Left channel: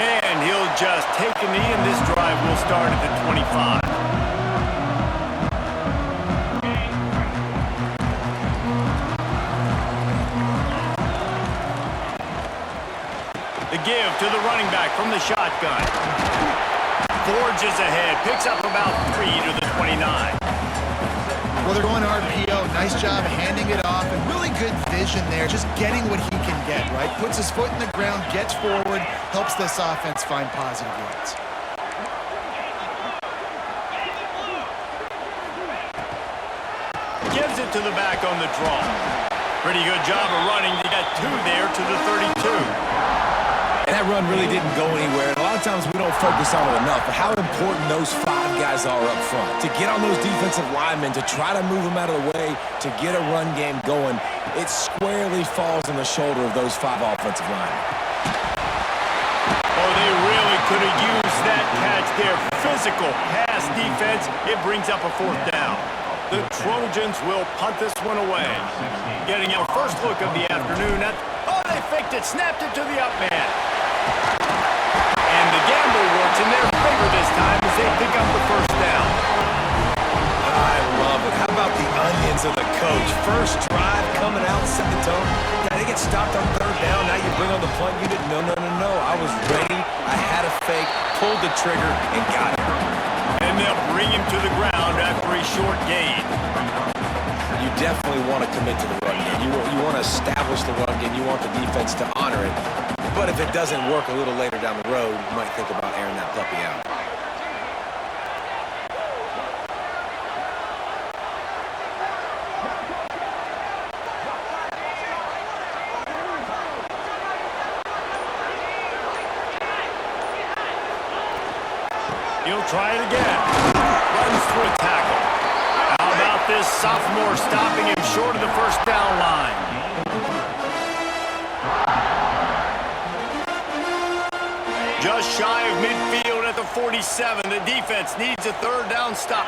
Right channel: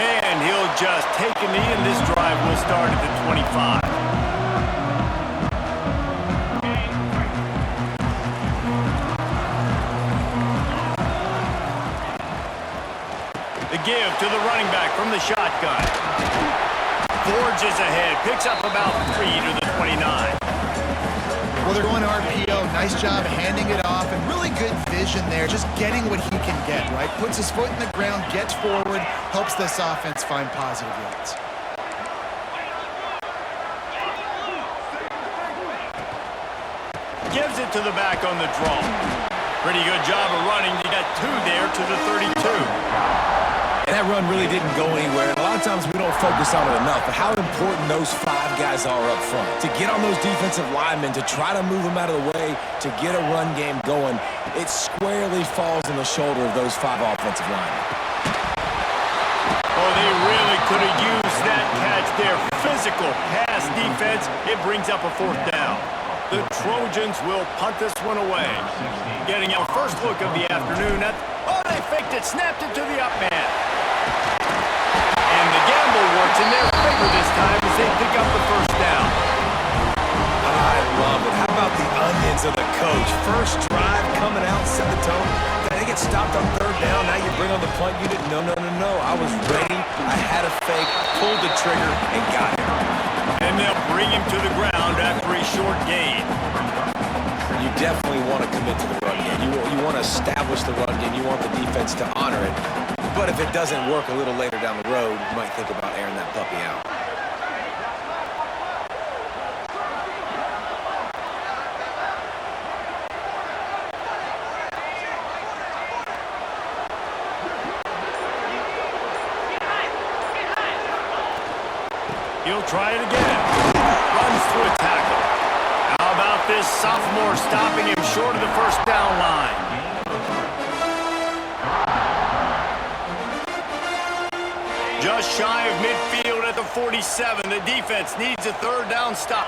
And he'll just take a knee, and this drive will start at the 25. The give to the running back from the shotgun. Forges ahead, picks up about 3 to the 29. Well, they're going RPO. Nice job handing it off, and really good vision there. Just getting what he can get, right? Puts his foot in the ground, gets forward, helps this offense find positive yards. Gives it to the back on the draw. Pretty good job of running. You got 2 there to the 32. And that run really didn't go anywhere. And a lot of times we don't focus on it enough, but how important those 5 guys are up front. To get on those defensive linemen, to try to move them out of the way, to get a run game going, it squarely falls on the shoulder of those 5 offensive linemen. Oh, they really could have used that catch there. Physical pass defense. It brings up a 4th down. The Trojans will punt this one away. Getting our first look of the afternoon at... Oh, they faked it, snapped it to the up man. And the gamble works in their favor this time as they pick up the 1st down. I love it. How about the onions of the coach? First drive coming out, set the tone. They get stopped on 3rd down. Now you bring on the punt unit. No. I was ready. I had a fake, pulled the trigger, and got it. And they'll bring him to the ground after a short gain. You definitely want to commit to the run game. You want to establish the run game. You want the defense to honor it. But if it doesn't work a little later down the road, you might think about airing that puppy out. He'll try it again. Runs through a tackle. How about this sophomore stopping him short of the 1st down line? Just shy of midfield at the 47. The defense needs a 3rd down stop.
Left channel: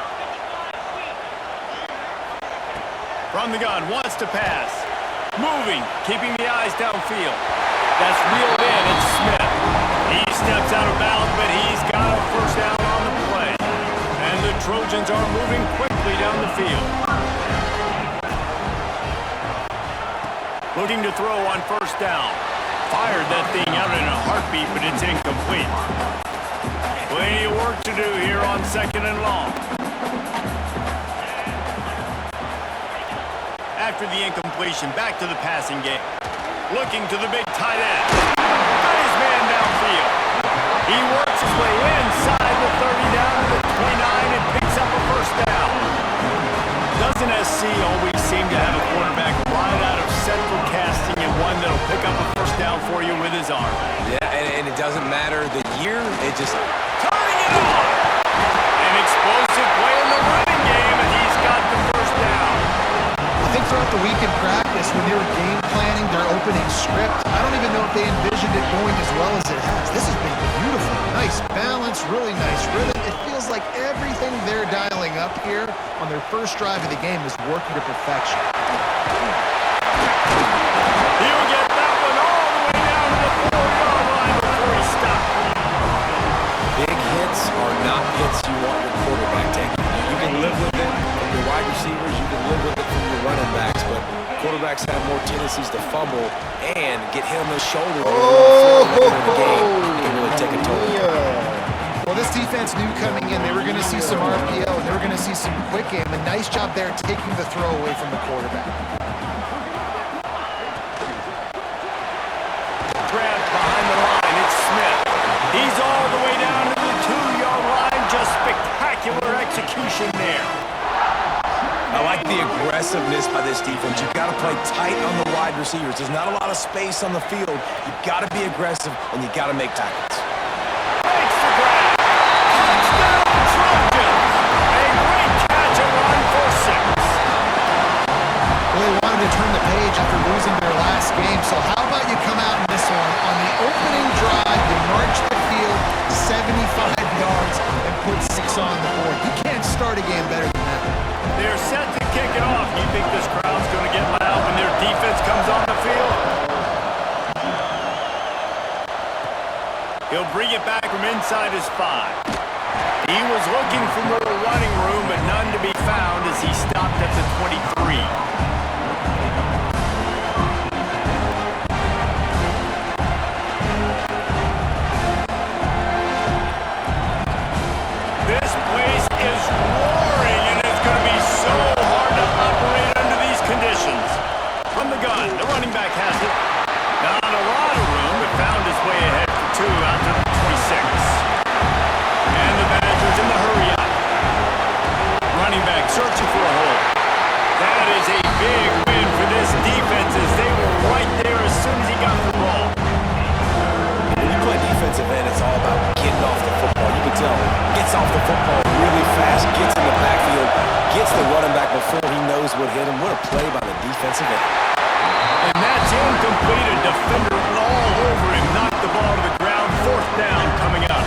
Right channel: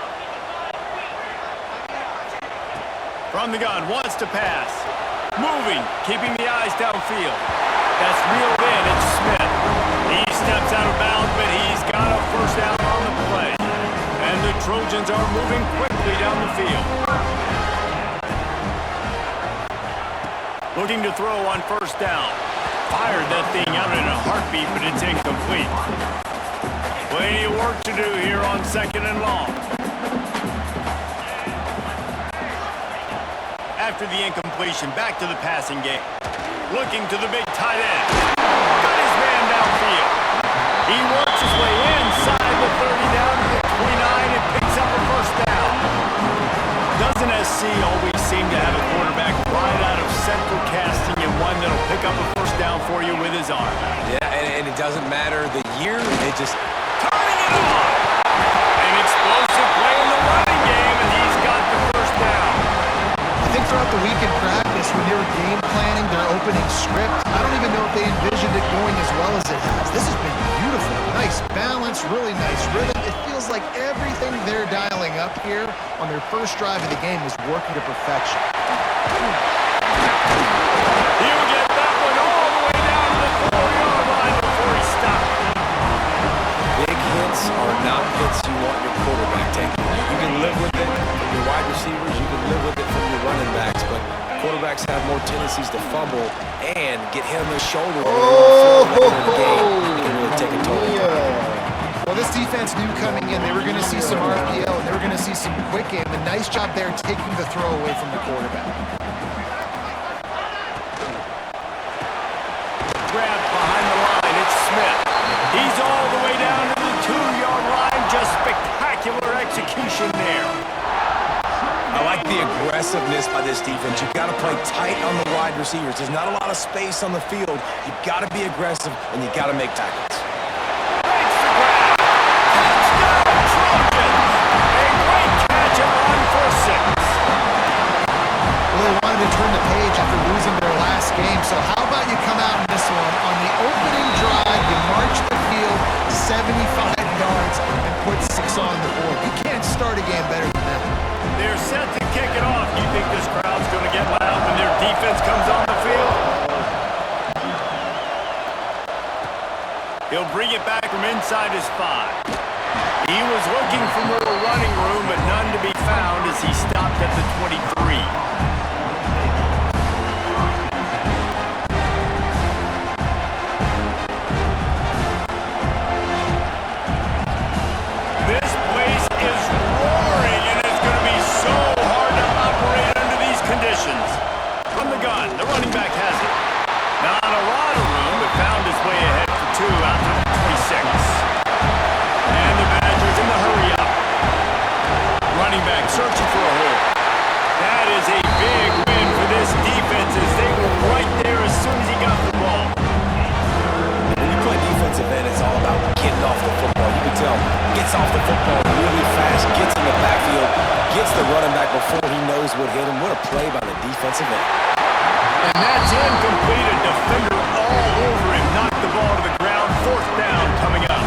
From the gun, wants to pass. Moving, keeping the eyes downfield. That's reeled in. It's Smith. He steps out of bounds, but he's got a 1st down on the play. And the Trojans are moving quickly down the field. Looking to throw on 1st down. Fired that thing out in a heartbeat, but it's incomplete. Plenty of work to do here on 2nd and long. After the incompletion, back to the passing game. Looking to the big tight end. Got his man downfield. He works his way inside the 30 down to the 29 and picks up a 1st down. Doesn't SC always seem to have a quarterback right out of central casting and one that'll pick up a 1st down for you with his arm? Yeah, and it doesn't matter the year. It just... Turning it on! An explosive play in the running game, and he's got the 1st down. I think throughout the week in practice, when they were game planning their opening script, I don't even know if they envisioned it going as well as it has. This has been beautiful. Nice balance, really nice rhythm. It feels like everything they're dialing up here on their 1st drive of the game is working to perfection. He'll get that one all the way down to the 4-yard line before he stops. Big hits are not hits you want your quarterback taking. You can live with it from your wide receivers. You can live with it from your running backs. But quarterbacks have more tendencies to fumble and get hit on the shoulder later in the game. It can really take a toll. Well, this defense knew coming in they were going to see some RPO and they were going to see some quick game. A nice job there taking the throw away from the quarterback. Grabbed behind the line, it's Smith. He's all the way down to the 2-yard line. Just spectacular execution there. I like the aggressiveness by this defense. You've got to play tight on the wide receivers. There's not a lot of space on the field. You've got to be aggressive, and you've got to make tackles. Makes the grab. Touchdown, Trojans. A great catch and run for 6. Well, they wanted to turn the page after losing their last game, so how about you come out in this one? On the opening drive, you march the field 75 yards and put 6 on the board. You can't start a game better than that. They're set to kick it off. You think this crowd's going to get loud when their defense comes on the field? He'll bring it back from inside his 5. He was looking for more running room, but none to be found as he stopped at the 23. This place is roaring, and it's going to be so hard to operate under these conditions. From the gun, the running back has it. Not a lot of room, but found his way ahead for 2 out to the 26. And the Badgers in the hurry-up. Running back searching for a hole. That is a big win for this defense as they were right there as soon as he got the ball. When you play defensive end, it's all about getting off the football. You can tell, gets off the football really fast, gets in the backfield, gets the running back before he knows what hit him. What a play by the defensive end. And that's incomplete. A defender all over him. Knocked the ball to the ground. 4th down coming up.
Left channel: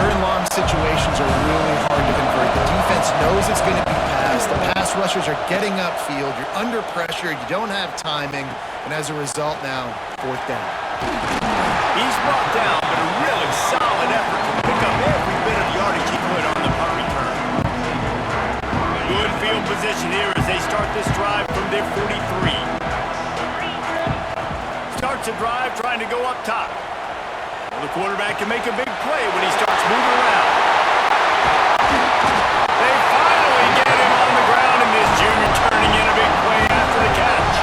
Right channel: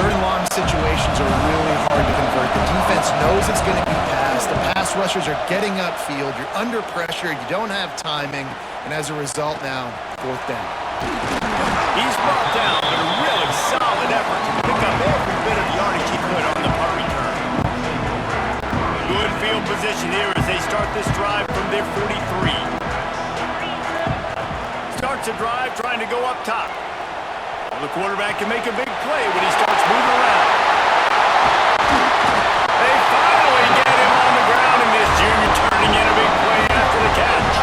3rd and long situations are really hard to convert. The defense knows it's going to be passed. The pass rushers are getting upfield. You're under pressure. You don't have timing. And as a result now, 4th down. He's brought down, but a really solid effort to pick up every bit of yardage he could on the punt return. Good field position here as they start this drive from their 43. Starts a drive trying to go up top. Well, the quarterback can make a big play when he starts moving around. They finally get him on the ground, and this junior turning in a big play after the catch.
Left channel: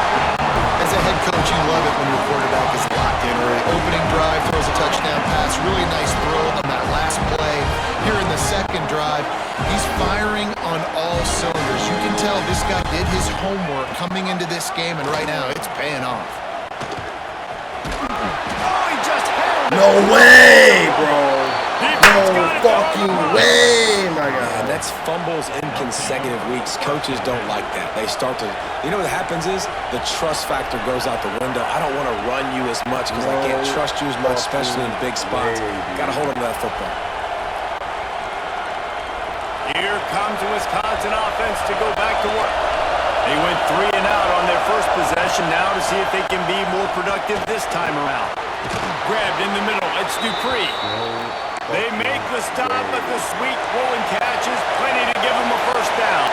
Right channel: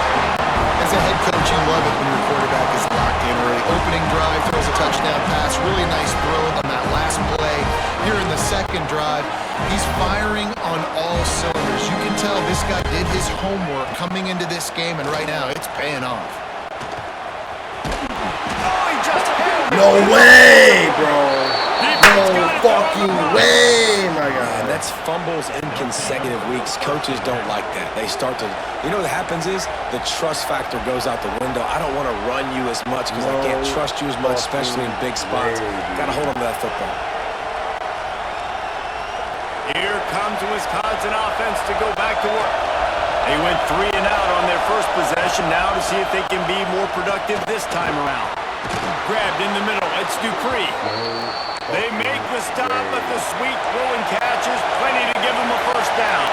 As a head coach, you love it when your quarterback is locked in early. Opening drive, throws a touchdown pass. Really nice throw on that last play. Here in the 2nd drive, he's firing on all cylinders. You can tell this guy did his homework coming into this game, and right now it's paying off. Oh, he just held it. No way, bro. No fucking way, my God. And that's fumbles in consecutive weeks. Coaches don't like that. They start to, you know what happens is the trust factor goes out the window. I don't want to run you as much because I can't trust you as much, especially in big spots. Got to hold on to that football. Here comes the Wisconsin offense to go back to work. They went 3 and out on their first possession now to see if they can be more productive this time around. Grabbed in the middle. It's Dupree. They make the stop, but the sweet throwing catch is plenty to give them a 1st down.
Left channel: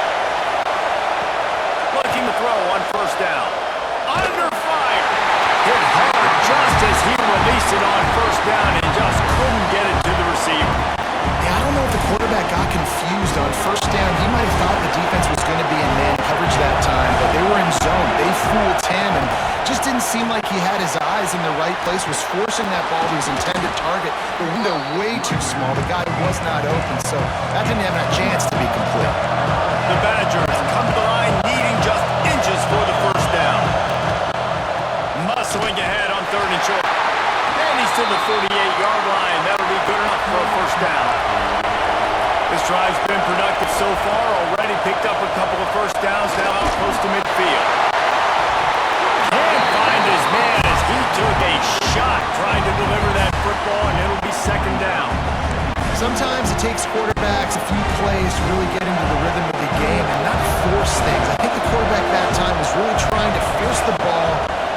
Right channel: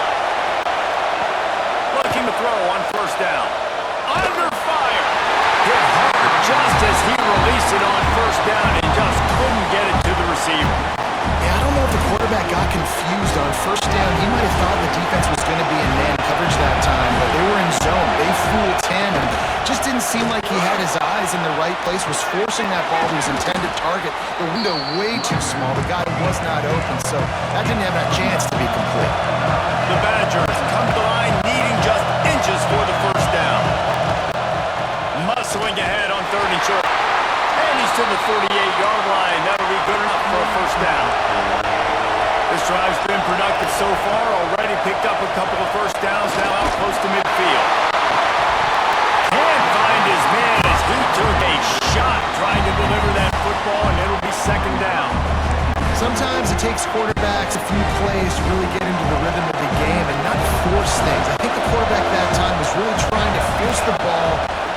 Looking to throw on 1st down. Under fire. Hit hard just as he released it on 1st down and just couldn't get it to the receiver. Yeah, I don't know if the quarterback got confused on 1st down. He might have thought the defense was going to be in man coverage that time, but they were in zone. They fooled him and just didn't seem like he had his eyes in the right place, was forcing that ball to his intended target. The window way too small. The guy was not open, so that didn't have a chance to be complete. The Badgers come to the line needing just inches for the 1st down. Muscling ahead on 3rd and short. And he's to the 48-yard line. That'll be good enough for a 1st down. This drive's been productive so far. Already picked up a couple of 1st downs, now out close to midfield. Can't find his man as he took a shot trying to deliver that football, and it'll be 2nd down. Sometimes it takes quarterbacks a few plays to really get into the rhythm of the game and not force things. I think the quarterback that time was really trying to force the ball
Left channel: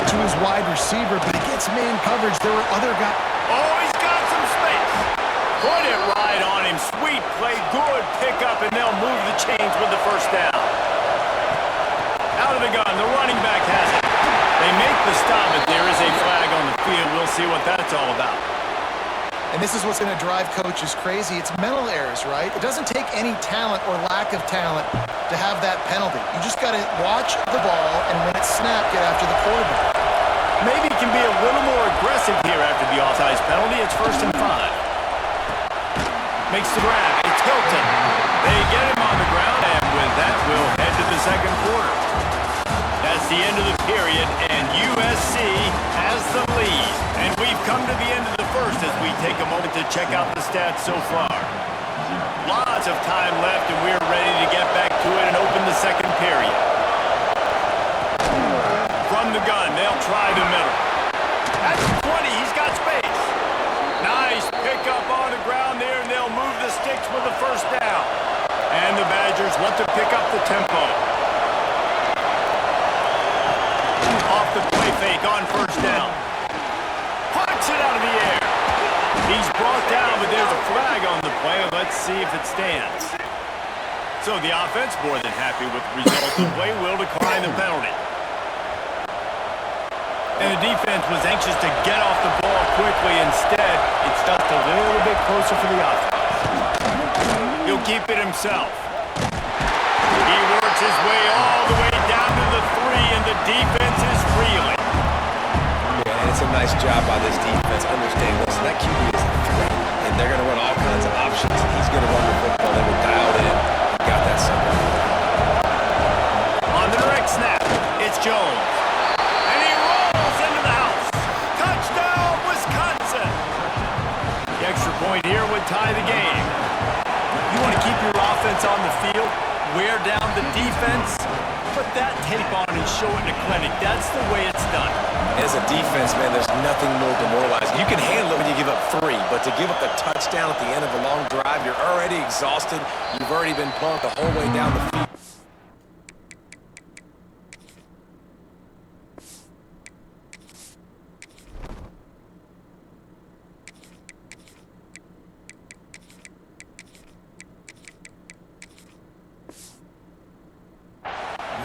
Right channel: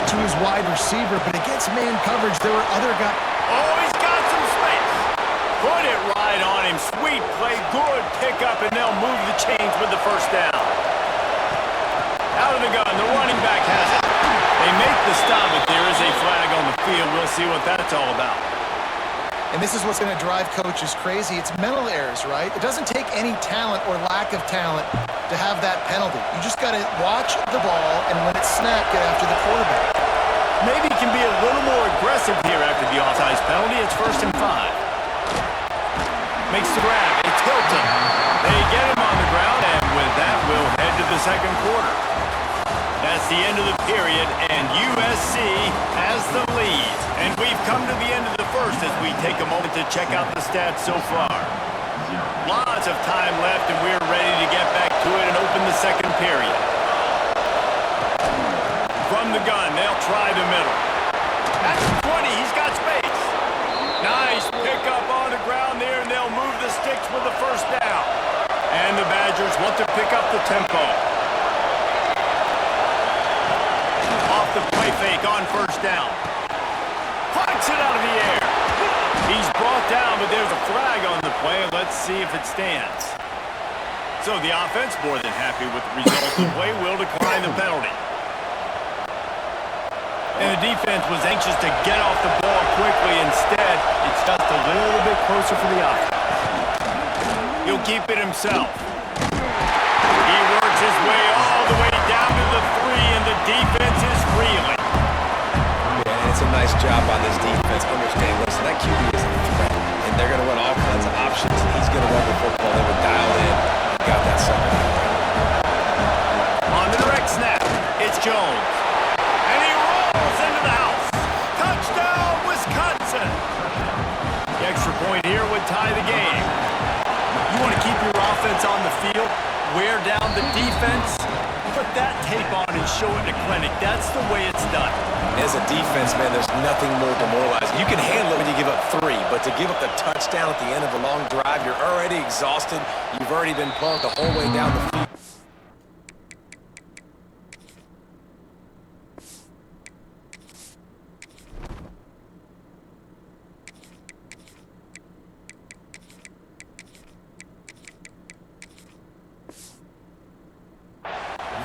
to his wide receiver, but against man coverage, there were other guys. Oh, he's got some space. Put it right on him. Sweet play, good pickup, and they'll move the chains with the 1st down. Out of the gun, the running back has it. They make the stop, but there is a flag on the field. We'll see what that's all about. And this is what's going to drive coaches crazy. It's mental errors, right? It doesn't take any talent or lack of talent to have that penalty. You just got to watch the ball, and when it's snapped, get after the quarterback. Maybe he can be a little more aggressive here after the offsides penalty. It's 1st and 5. Makes the grab. It's Hilton. They get him on the ground, and with that, we'll head to the 2nd quarter. That's the end of the period, and USC has the lead. And we've come to the end of the 1st as we take a moment to check out the stats so far. Lots of time left, and we're ready to get back to it and open the 2nd period. From the gun, they'll try the middle. That's 20. He's got space. Nice pickup on the ground there, and they'll move the sticks with the 1st down. And the Badgers want to pick up the tempo. Off the play fake on 1st down. Punts it out of the air. He's brought down, but there's a flag on the play. Let's see if it stands. So the offense, more than happy with the result of the play, will decline the penalty. And the defense was anxious to get off the ball quickly. Instead, it's just a little bit closer for the offense. He'll keep it himself. He works his way all the way down to the 3, and the defense is reeling. Yeah, and it's a nice job by this defense. Understand, listen, that QB is a threat, and they're going to run all kinds of options, and he's going to run the football. They were dialed in and got that sucker in the ground. On the direct snap, it's Jones. And he rolls into the house. Touchdown, Wisconsin! The extra point here would tie the game. You want to keep your offense on the field, wear down the defense, put that tape on and show it in a clinic. That's the way it's done. As a defense, man, there's nothing more demoralizing. You can handle it when you give up 3, but to give up the touchdown at the end of a long drive, you're already exhausted. You've already been punked the whole way down the field.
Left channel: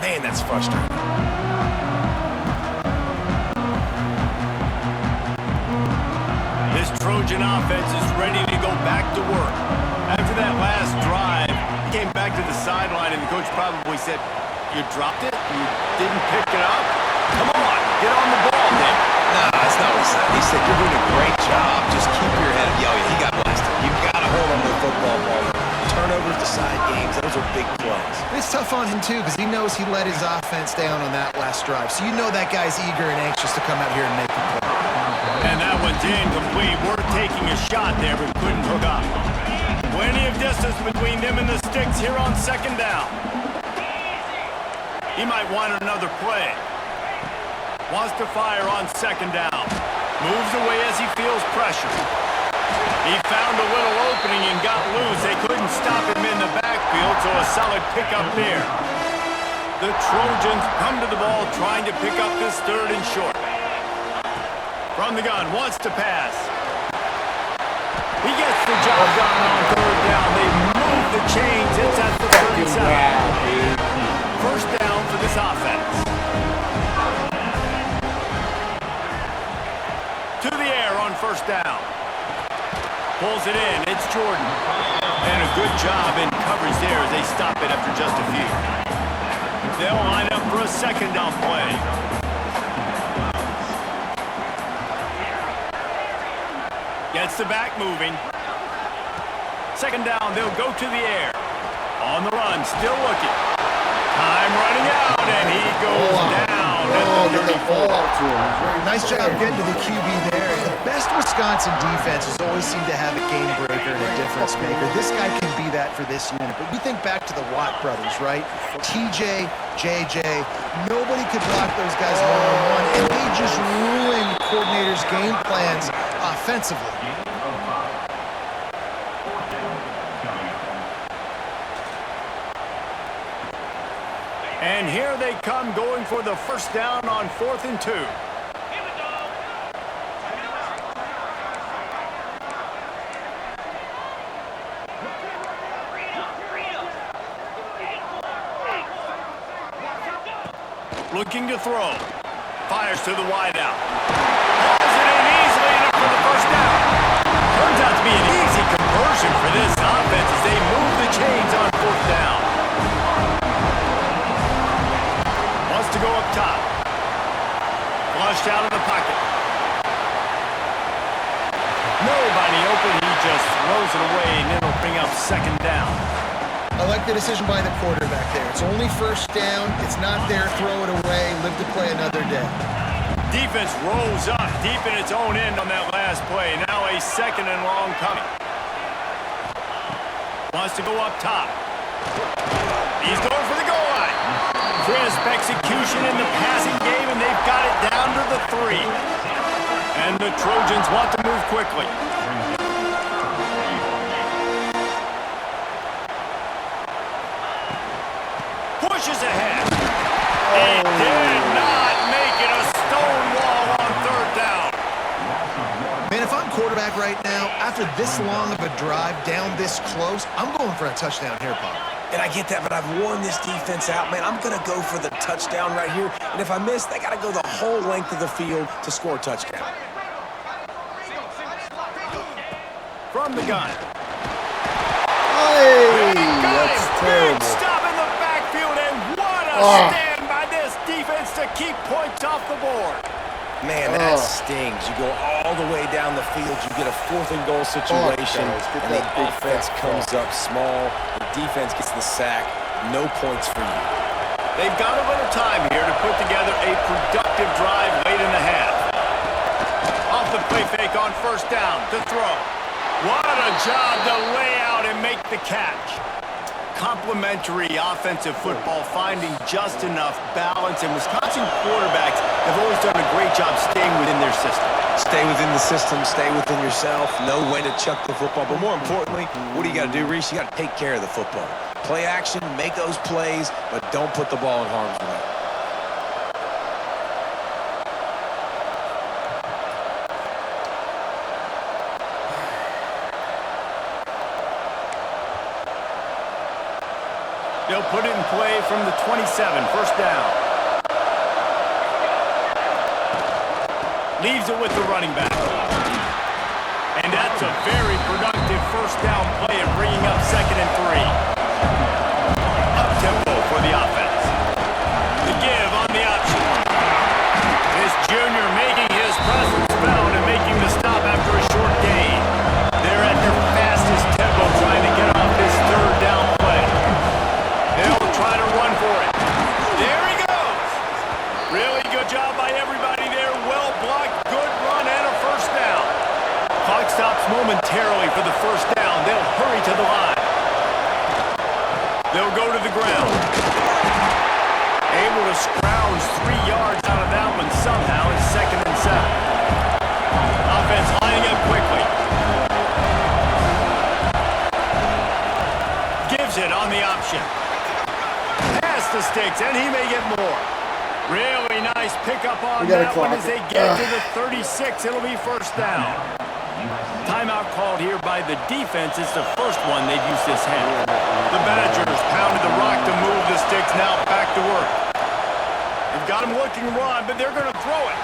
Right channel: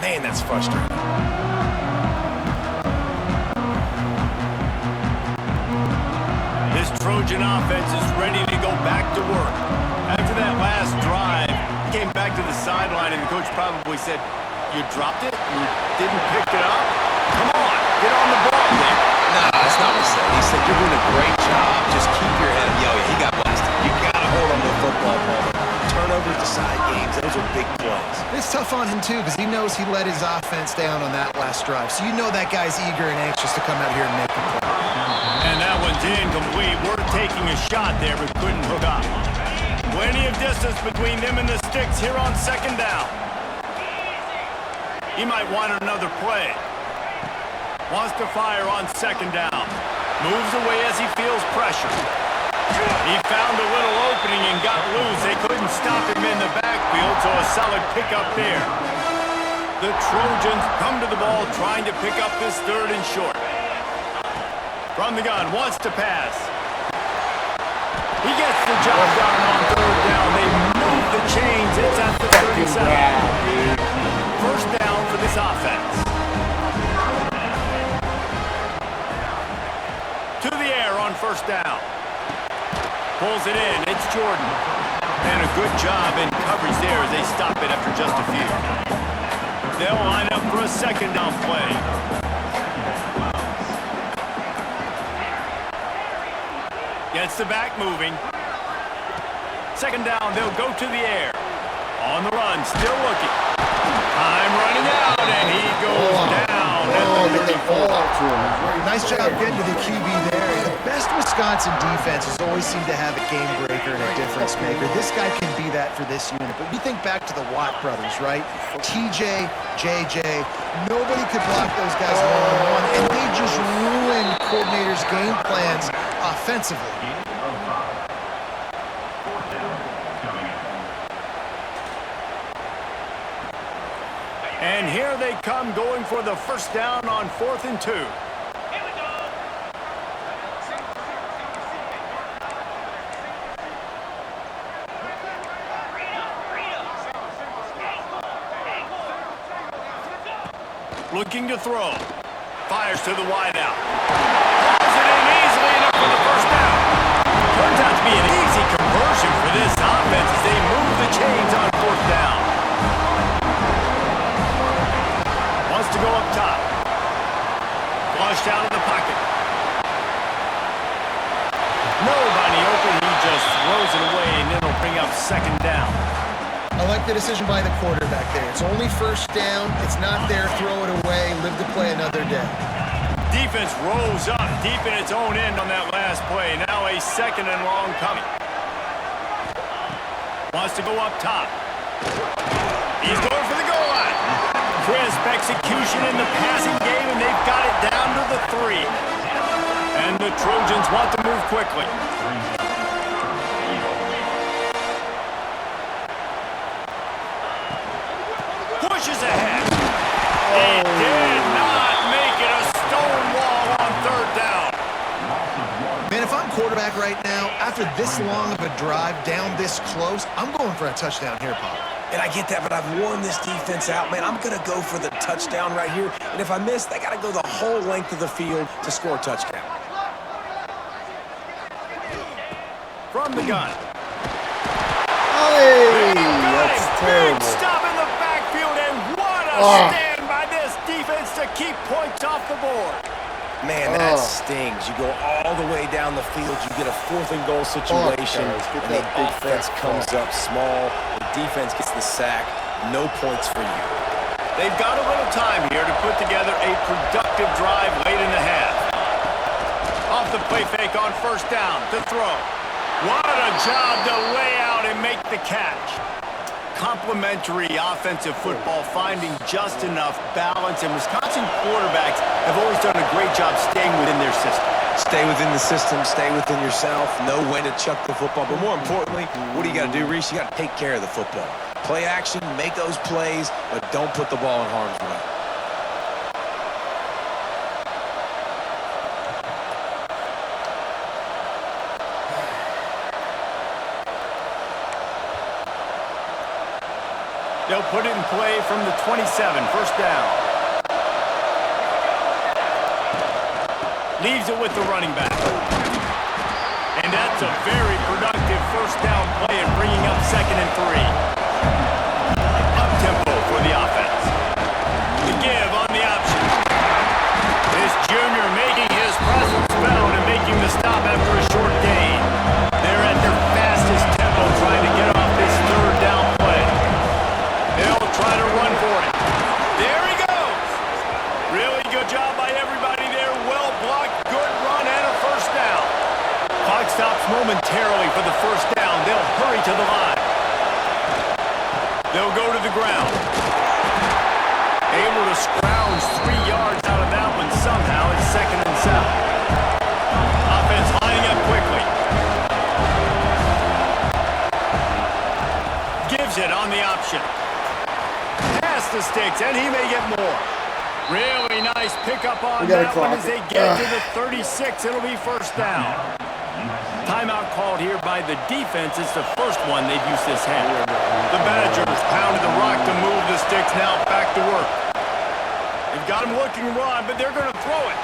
Man, that's frustrating. This Trojan offense is ready to go back to work. After that last drive, he came back to the sideline, and the coach probably said, "You dropped it? You didn't pick it up? Come on, get on the ball, Nick." Nah, that's not what he said. He said, "You're doing a great job. Just keep your head up." Yo, yeah, he got blasted. You got to hold on to the football, Palmer. Turnovers decide games. Those are big plays. It's tough on him, too, because he knows he let his offense down on that last drive. So you know that guy's eager and anxious to come out here and make the play. And that one's incomplete. Worth taking a shot there, but couldn't hook up. Plenty of distance between them and the sticks here on second down. He might want another play. Wants to fire on second down. Moves away as he feels pressure. He found a little opening and got loose. They couldn't stop him in the backfield, so a solid pickup there. The Trojans come to the ball trying to pick up this 3rd and short. From the gun, wants to pass. He gets the job done on 3rd down. They move the chains. It's at the 37. First down for this offense. To the air on first down. Pulls it in. It's Jordan. And a good job in coverage there as they stop it after just a few. They'll line up for a second down play. Gets the back moving. Second down, they'll go to the air. On the run, still looking. Time running out, and he goes down at the 34. Nice job getting to the QB there. The best Wisconsin defenses always seem to have a game breaker and a difference maker. This guy can be that for this unit. But you think back to the Watt brothers, right? TJ, JJ, nobody could block those guys one-on-one, and they just ruined coordinators' game plans offensively. And here they come, going for the first down on 4th and 2. Looking to throw. Fires to the wideout. Hauls it in easily enough for the first down. Turns out to be an easy conversion for this offense as they move the chains on 4th down. Wants to go up top. Flushed out of the pocket. Nobody open. He just throws it away, and it'll bring up second down. I like the decision by the quarterback there. It's only first down. It's not there. Throw it away. Live to play another day. Defense rose up deep in its own end on that last play. Now a second and long coming. Wants to go up top. He's going for the goal line. Crisp execution in the passing game, and they've got it down to the 3. And the Trojans want to move quickly. Pushes ahead. He did not make it. A stone wall on 3rd down. Man, if I'm quarterback right now, after this long of a drive down this close, I'm going for a touchdown here, Pop. And I get that, but I've worn this defense out, man. I'm going to go for the touchdown right here. And if I miss, they got to go the whole length of the field to score a touchdown. From the gun. Hey, that's Big terrible. stop in the backfield, and what a stand by this defense to keep points off the board. Man, that stings. You go all the way down the field, you get a 4th and goal situation, and the offense comes up small. The defense gets the sack. No points for you. They've got a little time here to put together a productive drive late in the half. Off the play fake on first down to throw. What a job to lay out and make the catch. Complementary offensive football, finding just enough balance, and Wisconsin quarterbacks have always done a great job staying within their system. Stay within the system, stay within yourself, know when to chuck the football. But more importantly, what do you got to do, Reese? You got to take care of the football. Play action, make those plays, but don't put the ball in harm's way. They'll put it in play from the 27, first down. Leaves it with the running back. And that's a very productive first down play and bringing up 2nd and 3. Up-tempo for the offense. The give on the option. This junior making his presence felt and making the stop after a short gain. They're at their fastest tempo trying to get off this 3rd down play. They'll try to run for it. There he goes. Really good job by everybody there. Well blocked, good run, and a first down. Clock stops momentarily for the first down. They'll hurry to the line. They'll go to the ground. Able to scrounge 3 yards out of that one somehow. It's 2nd and 7. Offense lining up quickly. Gives it on the option. Pass the sticks, and he may get more. Really nice pickup on that one as they get to the 36. It'll be first down. Timeout called here by the defense. It's the first one they've used this half. The Badgers pounded the rock to move the sticks. Now back to work. They've got him looking run, but they're going to throw it.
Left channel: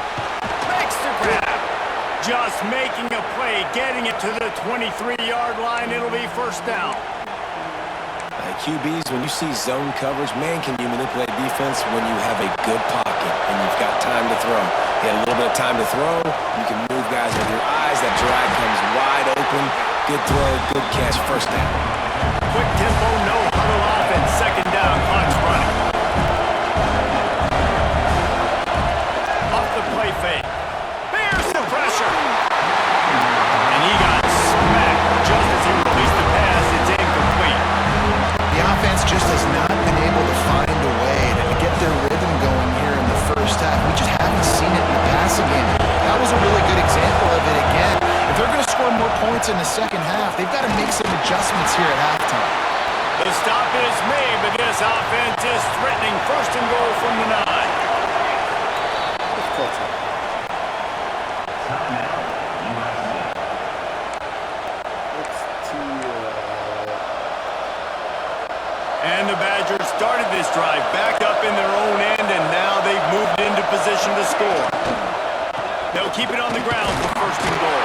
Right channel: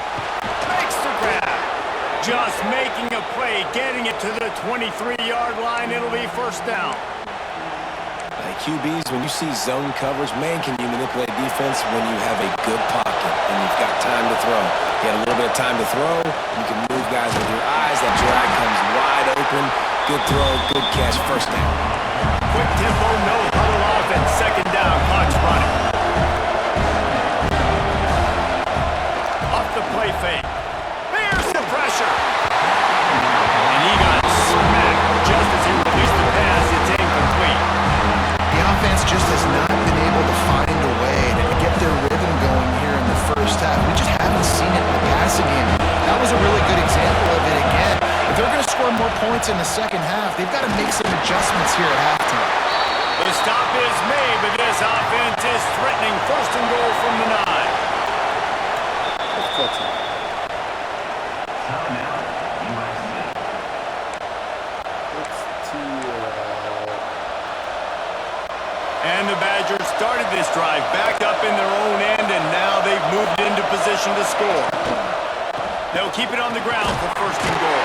Makes the grab. Just making a play, getting it to the 23-yard line. It'll be first down. QBs, when you see zone coverage, man, can you manipulate defense when you have a good pocket and you've got time to throw. You had a little bit of time to throw. You can move guys with your eyes. That drag comes wide open. Good throw, good catch, first down. Quick tempo, no huddle offense. 2nd down, clock's running. Off the play fake. There's the pressure. And he got smacked just as he released the pass. It's incomplete. The offense just has not been able to find a way to get their rhythm going here in the first half. We just haven't seen it in the passing game. That was a really good example of it again. If they're going to score more points in the second half, they've got to make some adjustments here at halftime. The stop is made, but this offense is threatening 1st and goal from the 9. Let's call time. Timeout, USC. Let's tee And the Badgers started this drive back up in their own end, and now they've moved into position to score. They'll keep it on the ground for 1st and goal.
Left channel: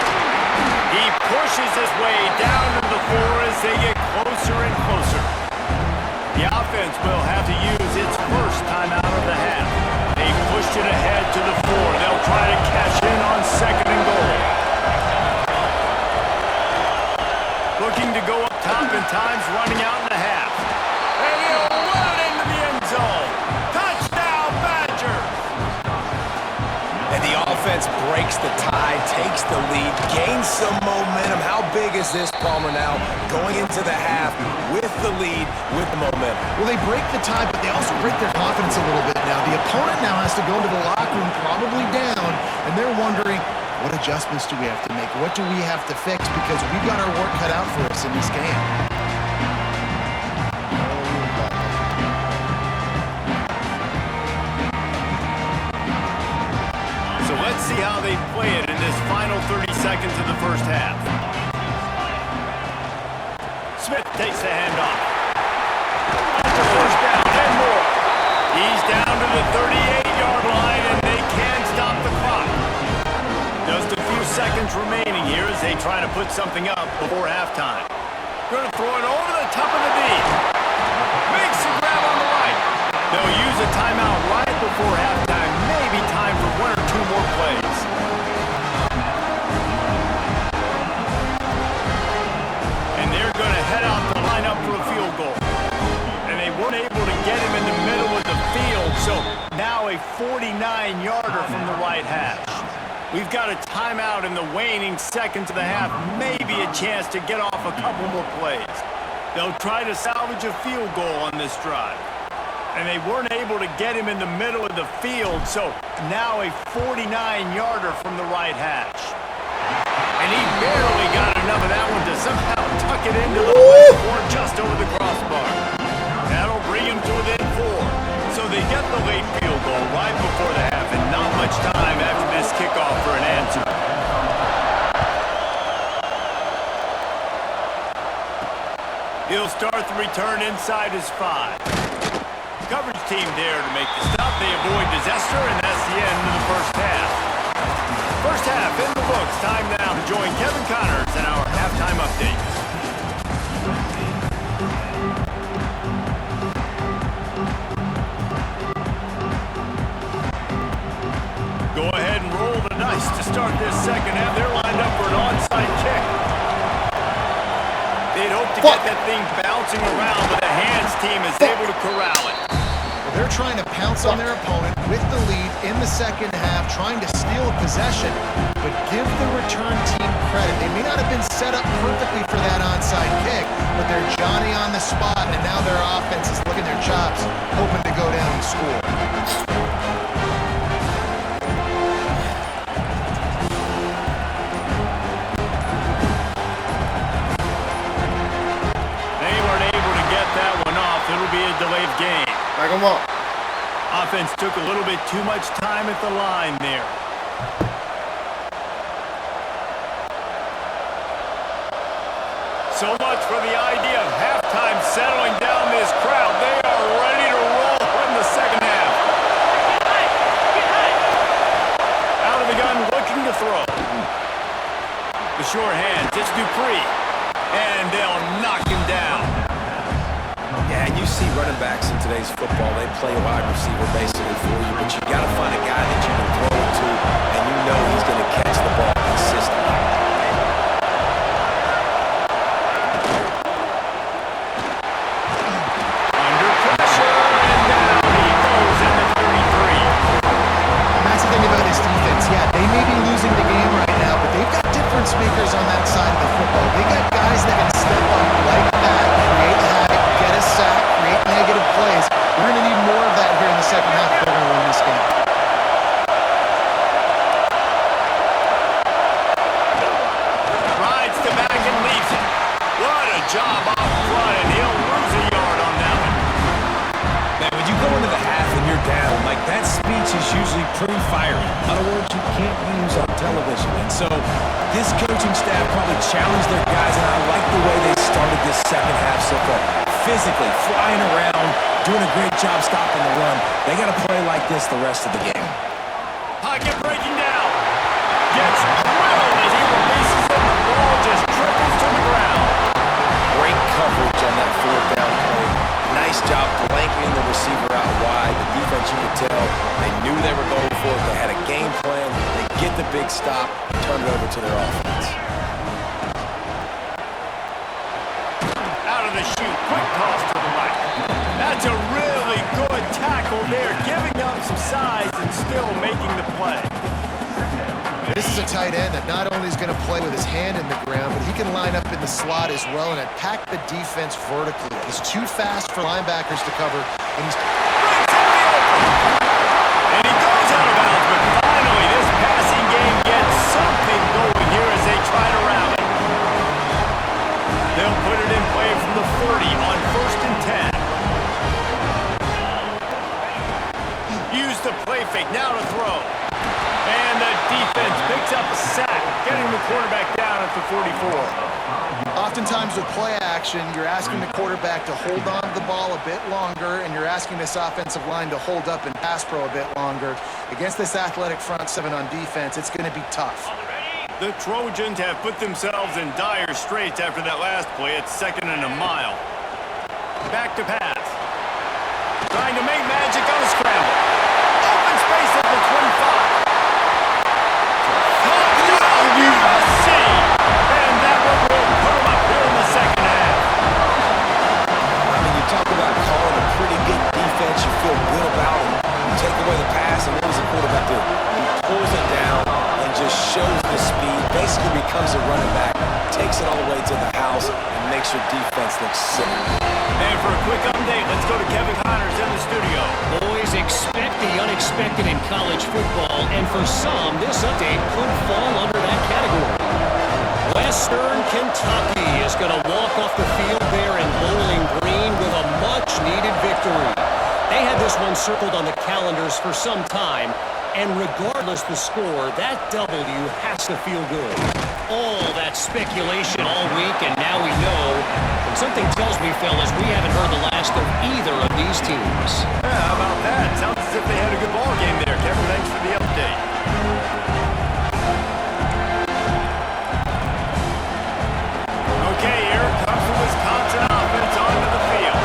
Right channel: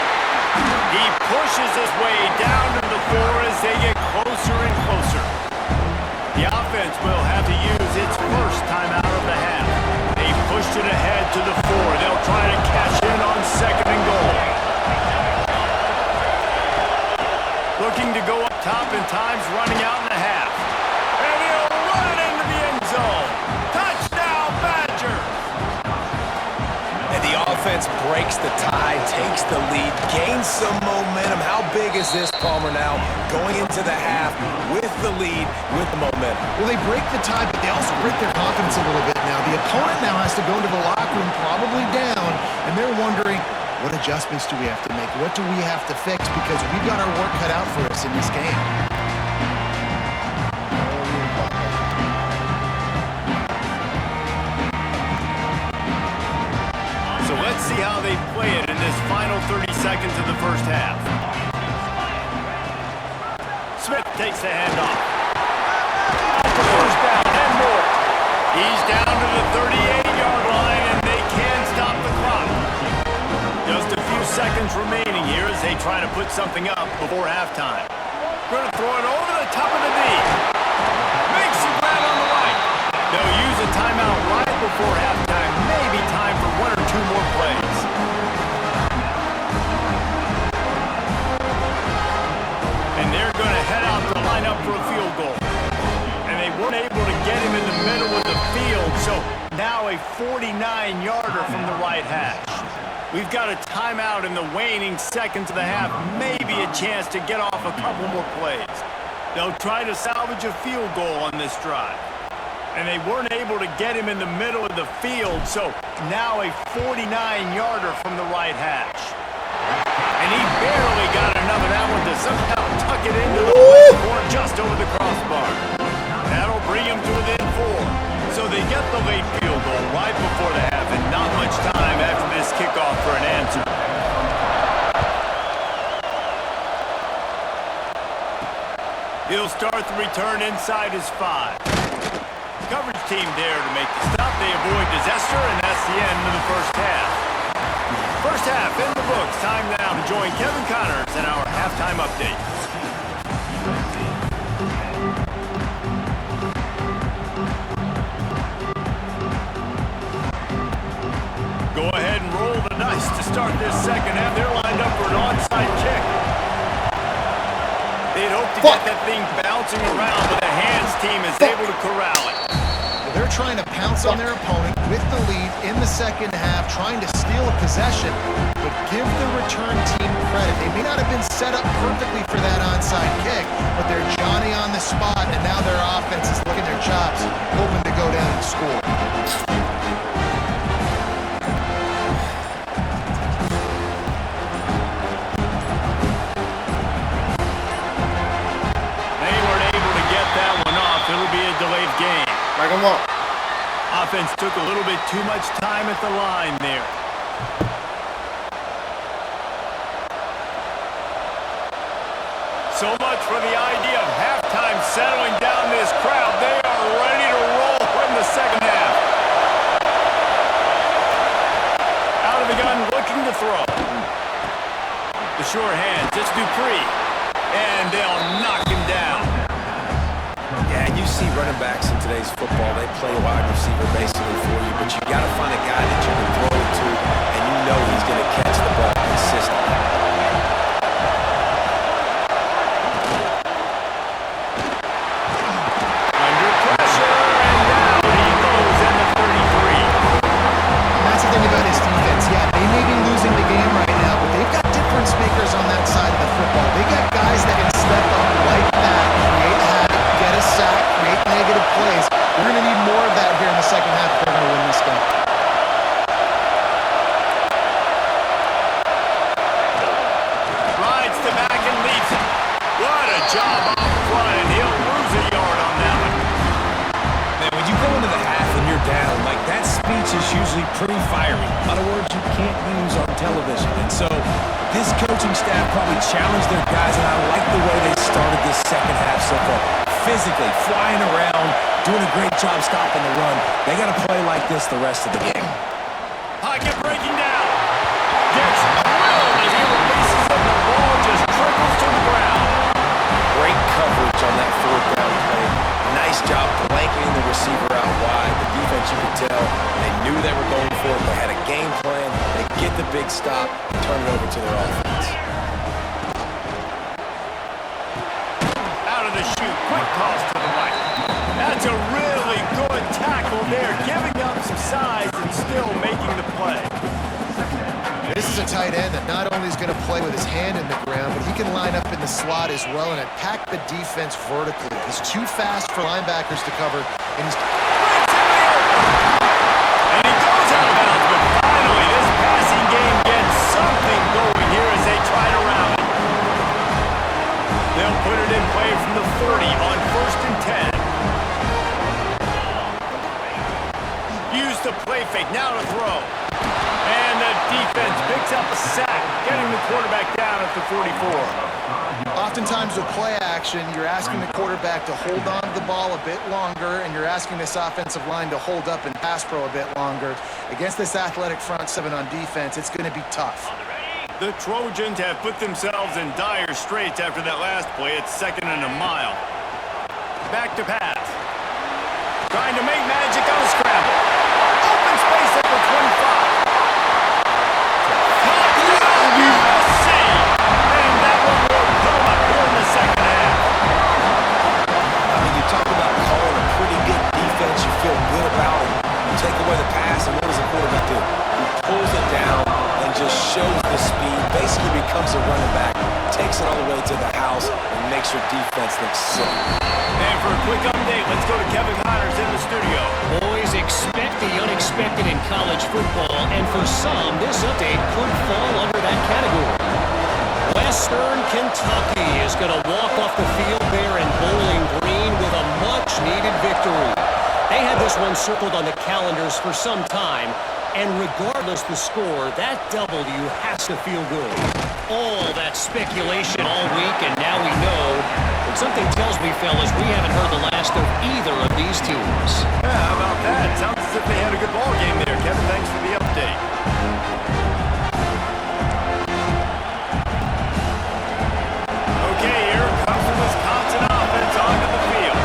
He pushes his way down to the 4 as they get closer and closer. The offense will have to use its first timeout of the half. They've pushed it ahead to the 4. They'll try to cash in on 2nd and goal. Looking to go up top, and time's running out in the half. And he'll run it into the end zone. Touchdown, Badgers! And the offense breaks the tie, takes the lead, gains some momentum. How big is this, Palmer, now going into the half with the lead, with the momentum? Well, they break the tie, but they also break their confidence a little bit now. The opponent now has to go into the locker room, probably down, and they're wondering, what adjustments do we have to make? What do we have to fix? Because we've got our work cut out for us in this game. So let's see how they play it in this final 30 seconds of the first half. Smith takes the handoff. First down and more. He's down to the 38-yard line, and they can stop the clock. Just a few seconds remaining here as they try to put something up before halftime. Going to throw it over the top of the knee. Makes the grab on the right. They'll use a timeout right before halftime. Maybe time for one or two more plays. And they're going to head out to line up for a field goal. And they weren't able to get him in the middle of the field, so now a 49-yarder from the right hash. We've got a timeout in the waning seconds of the half, maybe a chance to get off a couple more plays. They'll try to salvage a field goal on this drive. And they weren't able to get him in the middle of the field, so now a 49-yarder from the right hash. And he barely got enough of that one to somehow tuck it into the left corner just over the crossbar. That'll bring him to within 4. So they get the late field goal right before the half and not much time after this kickoff for an answer. He'll start the return inside his 5. Coverage team there to make the stop. They avoid disaster, and that's the end of the first half. First half in the books. Time now to join Kevin Connors in our halftime update. Go ahead and roll the dice to start this second half. They're lined up for an onside kick. They'd hope to get that thing bouncing around, but the hands team is able to corral it. Well, they're trying to pounce on their opponent with the lead in the second half, trying to steal a possession, but give the return team credit. They may not have been set up perfectly for that onside kick, but they're Johnny on the spot, and now their offense is licking their chops, hoping to go down and score. That one off. It'll be a delayed game. Back him up. Offense took a little bit too much time at the line there. So much for the idea of halftime settling down this crowd. They are ready to roll in the second half. Out of the gun, looking to throw. The sure hands. It's Dupree. And they'll knock him down. Yeah, and you see running backs in today's football, they play wide receiver basically for you, but you got to find a guy that you can throw it to, and you know he's going to catch the ball consistently. Under pressure, and down he goes in the 33. And that's the thing about his defense. Yeah, they may be losing the game right now, but they've got difference makers on that side of the football. They got guys that can step up like that, create havoc, get a sack, create negative plays. We're going to need more of that here in the second half if they're going to win this game. Rides to back and leaves it. What a job off front, and he'll lose a yard on that one. Man, when you go into the half and you're down, like that speech is usually pretty fiery. In other words, you can't use on television. And so this coaching staff probably challenged their guys, and I like the way they started this second half so far. Physically, flying around, doing a great job stopping the run. They got to play like this the rest of the game. Pocket breaking down. Gets drilled as he releases it, and the ball just trickles to the ground. Great coverage on that fourth down play. Nice job blanketing the receiver out wide. The defense, you could tell, they knew they were going for it. They had a game plan. They get the big stop and turn it over to their offense. Out of the chute, quick toss to the right. That's a really good tackle there, giving up some size and still making the play. This is a tight end that not only is going to play with his hand in the ground, but he can line up in the slot as well and attack the defense vertically. He's too fast for linebackers to cover, and he's... Breaks into the open. And he goes out of bounds, but finally this passing game gets something going here as they try to rally. They'll put it in play from the 40 on 1st and 10. Use the play fake, now to throw. And the defense picks up a sack, getting the quarterback down at the 44. Oftentimes with play action, you're asking the quarterback to hold on to the ball a bit longer, and you're asking this offensive line to hold up and pass pro a bit longer. Against this athletic front seven on defense, it's going to be tough. The Trojans have put themselves in dire straits after that last play. It's 2nd and a mile. Back to pass. Trying to make magic on a scramble. Open space at the 25. Touchdown USC! And that one will put them up here in the second half. I mean, you talk about calling a pretty good defense you feel good about, and you take away the pass, and what does the quarterback do? He pulls it down and just shows the speed, basically becomes a running back, takes it all the way to the house, and makes your defense look sick. And for a quick update, let's go to Kevin Connors in the studio. Boys, expect the unexpected in college football, and for some, this update could fall under that category. Western Kentucky is going to walk off the field there in Bowling Green with a much-needed victory. They had this one circled on the calendars for some time, and regardless the score, that W has to feel good. All that speculation all week, and now we know. And something tells me, fellas, we haven't heard the last of either of these teams. Yeah, how about that? Sounds as if they had a good ball game there. Kevin, thanks for the update. Okay, here comes the Wisconsin offense onto the field.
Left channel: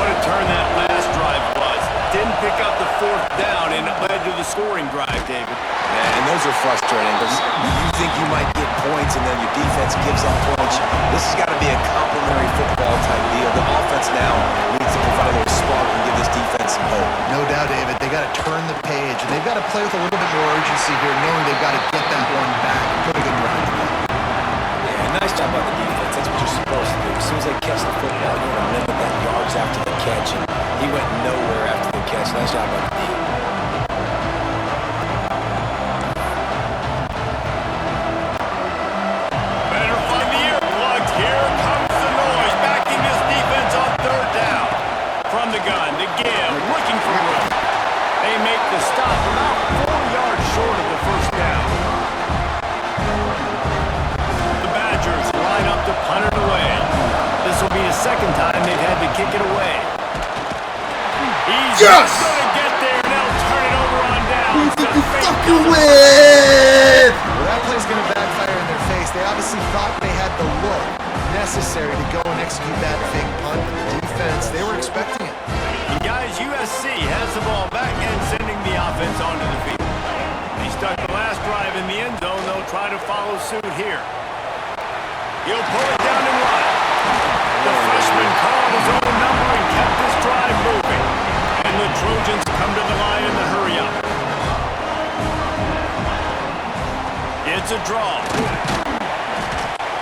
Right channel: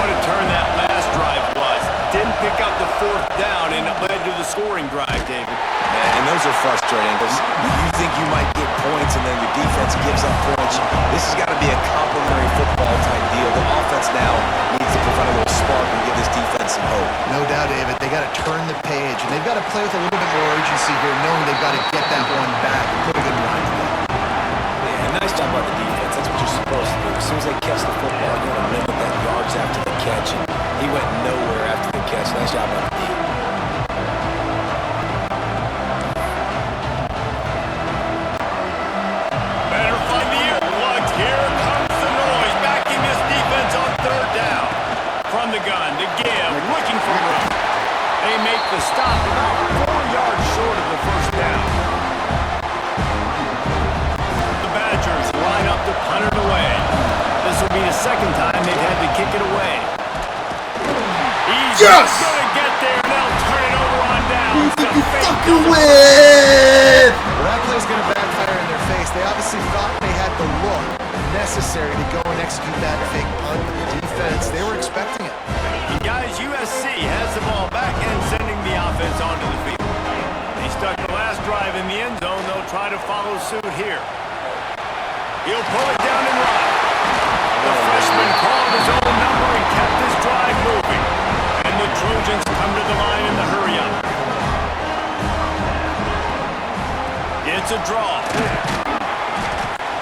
What a turn that last drive was. Didn't pick up the 4th down, and it led to the scoring drive, David. Yeah, and those are frustrating because you think you might get points and then your defense gives up points. This has got to be a complementary football type deal. The offense now needs to provide a little spark and give this defense some hope. No doubt, David. They got to turn the page, and they've got to play with a little bit more urgency here, knowing they've got to get that one back and put a good drive together. Yeah, nice job by the defense. That's what you're supposed to do. As soon as they catch the football, you want to limit that yards after the catch. And he went nowhere after the catch. Nice job by the defense. Better find the earplugs. Here comes the noise. Backing this defense on 3rd down. From the gun to give, looking for room. They make the stop about 4 yards short of the 1st down. The Badgers line up to punt it away. This will be the 2nd time they've had to kick it away. He's going to get there, and they'll turn it over on down. Who think you fucking with? Well, that play's going to backfire in their face. They obviously thought they had the look necessary to go and execute that fake punt, but the defense, they were expecting it. And guys, USC has the ball back and sending the offense onto the field. They stuck the last drive in the end zone. They'll try to follow suit here. He'll pull it down and run. The freshman called his own number and kept this drive moving. And the Trojans come to the line in the hurry-up. It's a draw.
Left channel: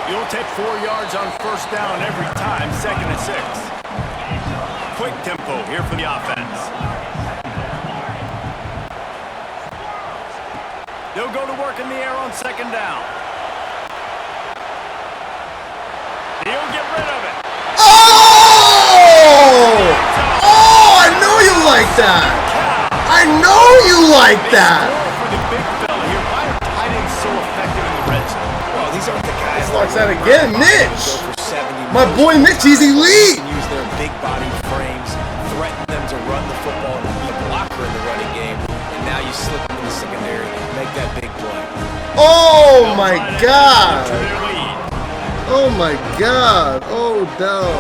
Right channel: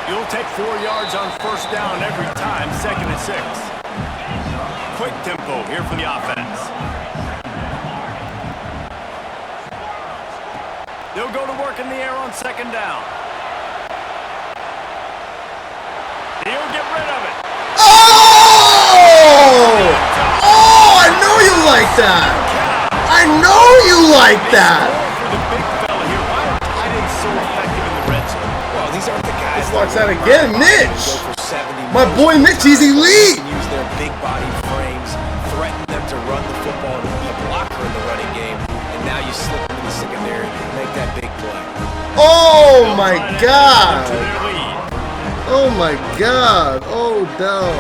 You'll take 4 yards on 1st down every time, 2nd and 6. Quick tempo here for the offense. They'll go to work in the air on 2nd down. He'll get rid of it. Oh! Oh, I know you like that. I know you like that. For the big fella here, why are tight ends so effective in the red zone? Well, these aren't the guys Watch that that again, Mitch. go for 70 My boy Mitch, he's elite. Can use their big body frames, threaten them to run the football and be a blocker in the running game, and now you slip them in the secondary, make that big play. Oh my God. To their lead. Oh my God. Oh no.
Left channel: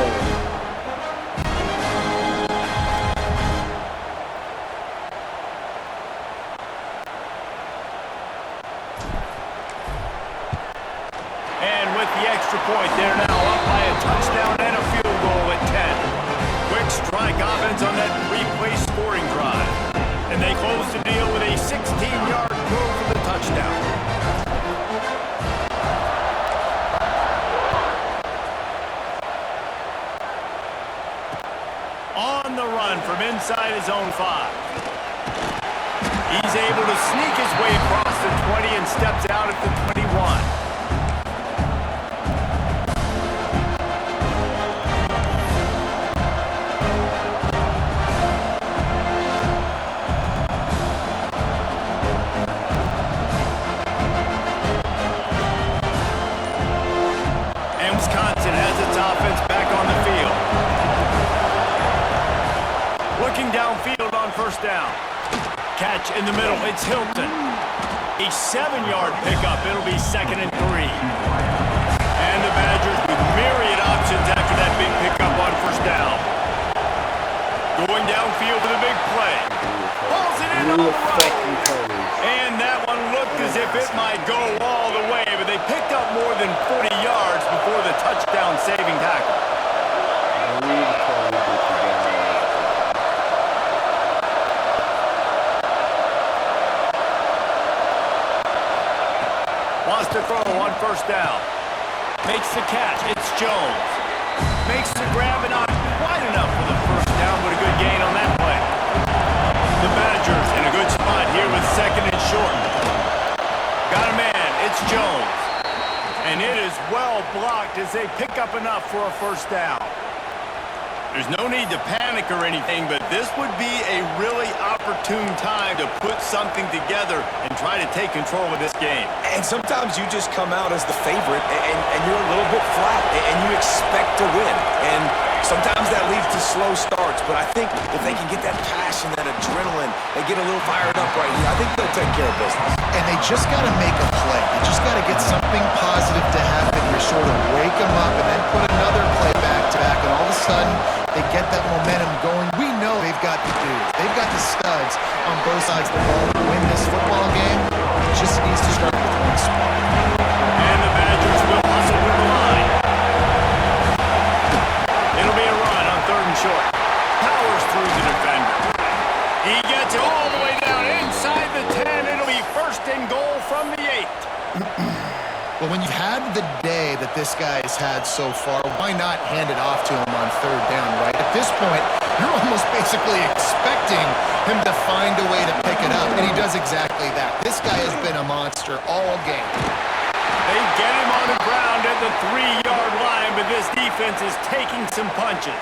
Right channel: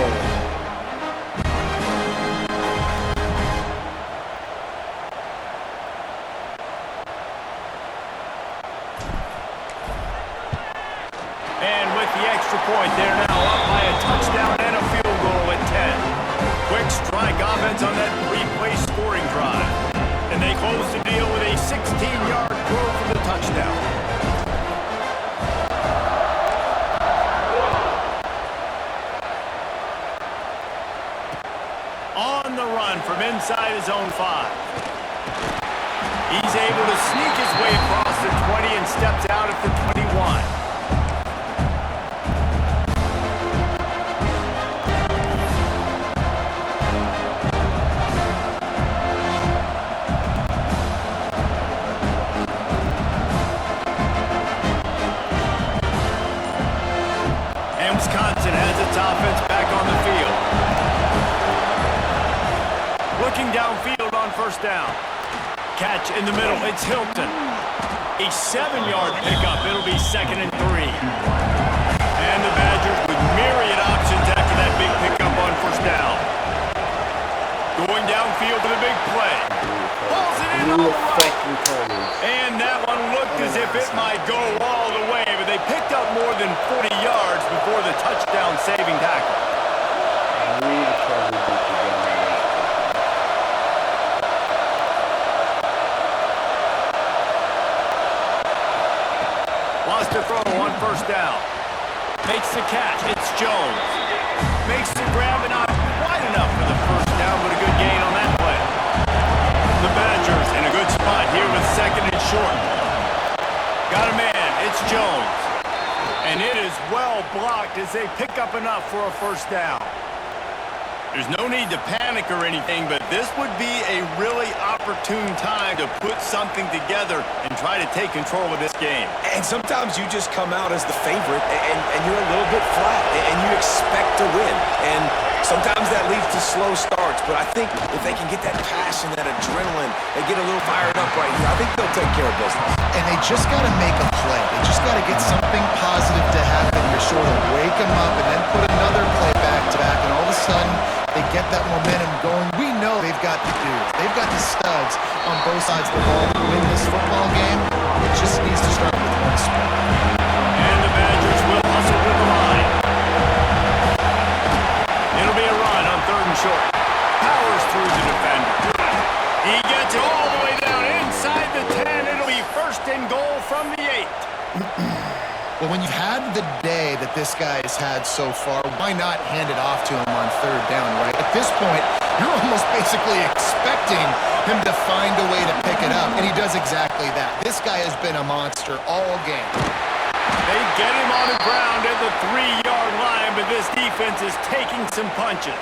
And with the extra point, they're now up by a touchdown and a field goal at 10. Quick strike offense on that 3-play scoring drive. And they close the deal with a 16-yard throw for the touchdown. On the run from inside his own 5. He's able to sneak his way across the 20 and steps out at the 21. Wisconsin has its offense back on the field. Looking downfield on first down. Catch in the middle. It's Hilton. A 7-yard pickup. It'll be 2nd and 3. And the Badgers with myriad options after that big pickup on first down. Going downfield for the big play. Pulls it in on the right. And that one looked as if it might go all the way, but they picked up more than 40 yards before the touchdown-saving tackle. Wants to throw on first down. Makes the catch. It's Jones. Makes the grab and not quite enough for the first down, but a good gain on that play. The Badgers in a good spot here with 2nd and short. Got a man. It's Jones. And it is well blocked as they pick up enough for a first down. There's no need to panic or anything, but this would be a really opportune time to put something together and try to take control of this game. And sometimes you just come out as the favorite and you're a little bit flat and you expect to win. And sometimes that leads to slow starts, but I think if they can get that passion, that adrenaline, they get a little fired up right here, I think they'll take care of business. And they just got to make a play. They just got to get something positive to happen here, sort of wake them up and then put another play back-to-back, and all of a sudden they get that momentum going. We know they've got the dudes. They've got the studs on both sides of the ball to win this football game. It just needs to start with one spark. And the Badgers will hustle to the line. It'll be a run on 3rd and short. Powers through the defender. He gets it all the way down inside the 10. It'll be 1st and goal from the 8. Well, when you've had the day that this guy has had so far, why not hand it off to him on 3rd down, right? At this point, you're almost basically expecting him to find a way to pick it up, and he does exactly that. This guy has been a monster all game. They get him on the ground at the 3-yard line, but this defense is taking some punches.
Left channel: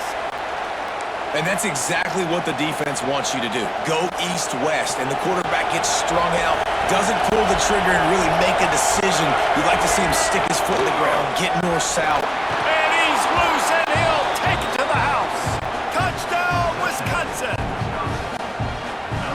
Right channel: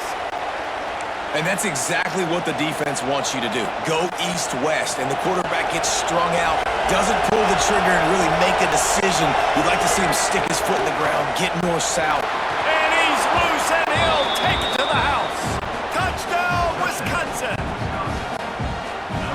And that's exactly what the defense wants you to do. Go east-west, and the quarterback gets strung out, doesn't pull the trigger and really make a decision. You'd like to see him stick his foot in the ground, get north-south. And he's loose, and he'll take it to the house. Touchdown, Wisconsin.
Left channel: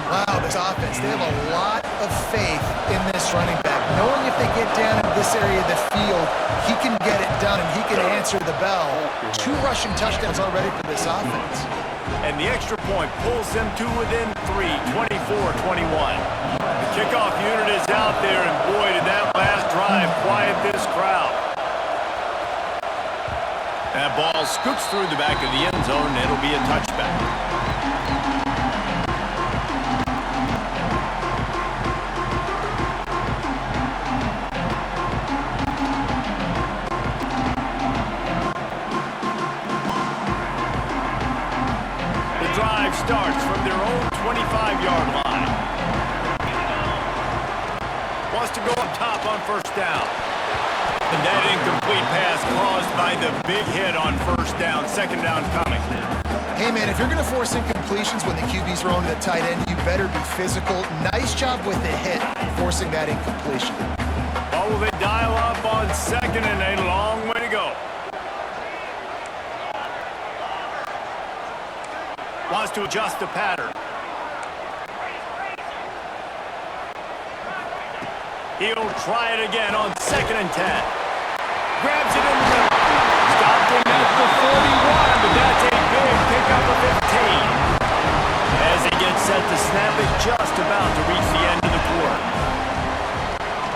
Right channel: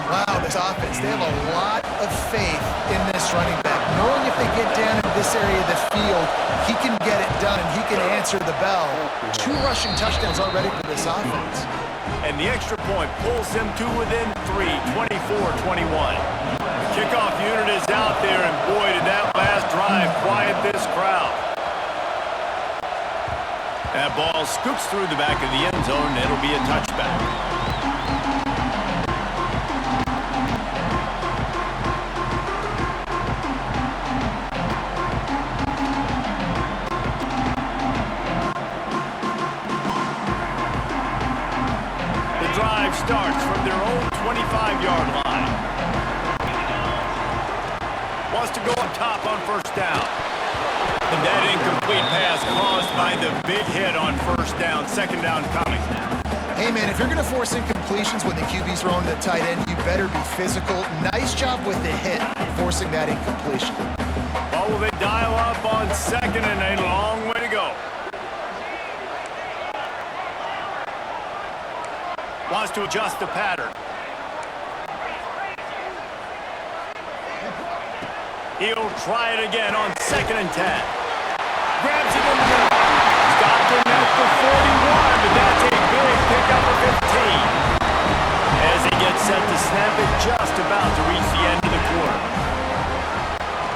Wow, this offense, they have a lot of faith in this running back, knowing if they get down in this area of the field, he can get it done and he can answer the bell. 2 rushing touchdowns already for this offense. And the extra point pulls them to within 3, 24-21. The kickoff unit is out there, and boy, did that last drive quiet this crowd. That ball scoops through the back of the end zone, and it'll be a touchback. Drive starts from their own 25-yard line. Wants to go up top on first down. And that incomplete pass caused by the big hit on first down. 2nd down coming. Hey, man, if you're going to force incompletions when the QB's throwing to the tight end, you better be physical. Nice job with the hit, forcing that incompletion. Oh, will they dial up on 2nd and a long way to go. Wants to adjust the pattern. He'll try it again on 2nd and 10. Grabs it in the middle. Stopped him at the 41, but that's a big pickup of 15. As he gets set to snap it just about to reach the end of the quarter.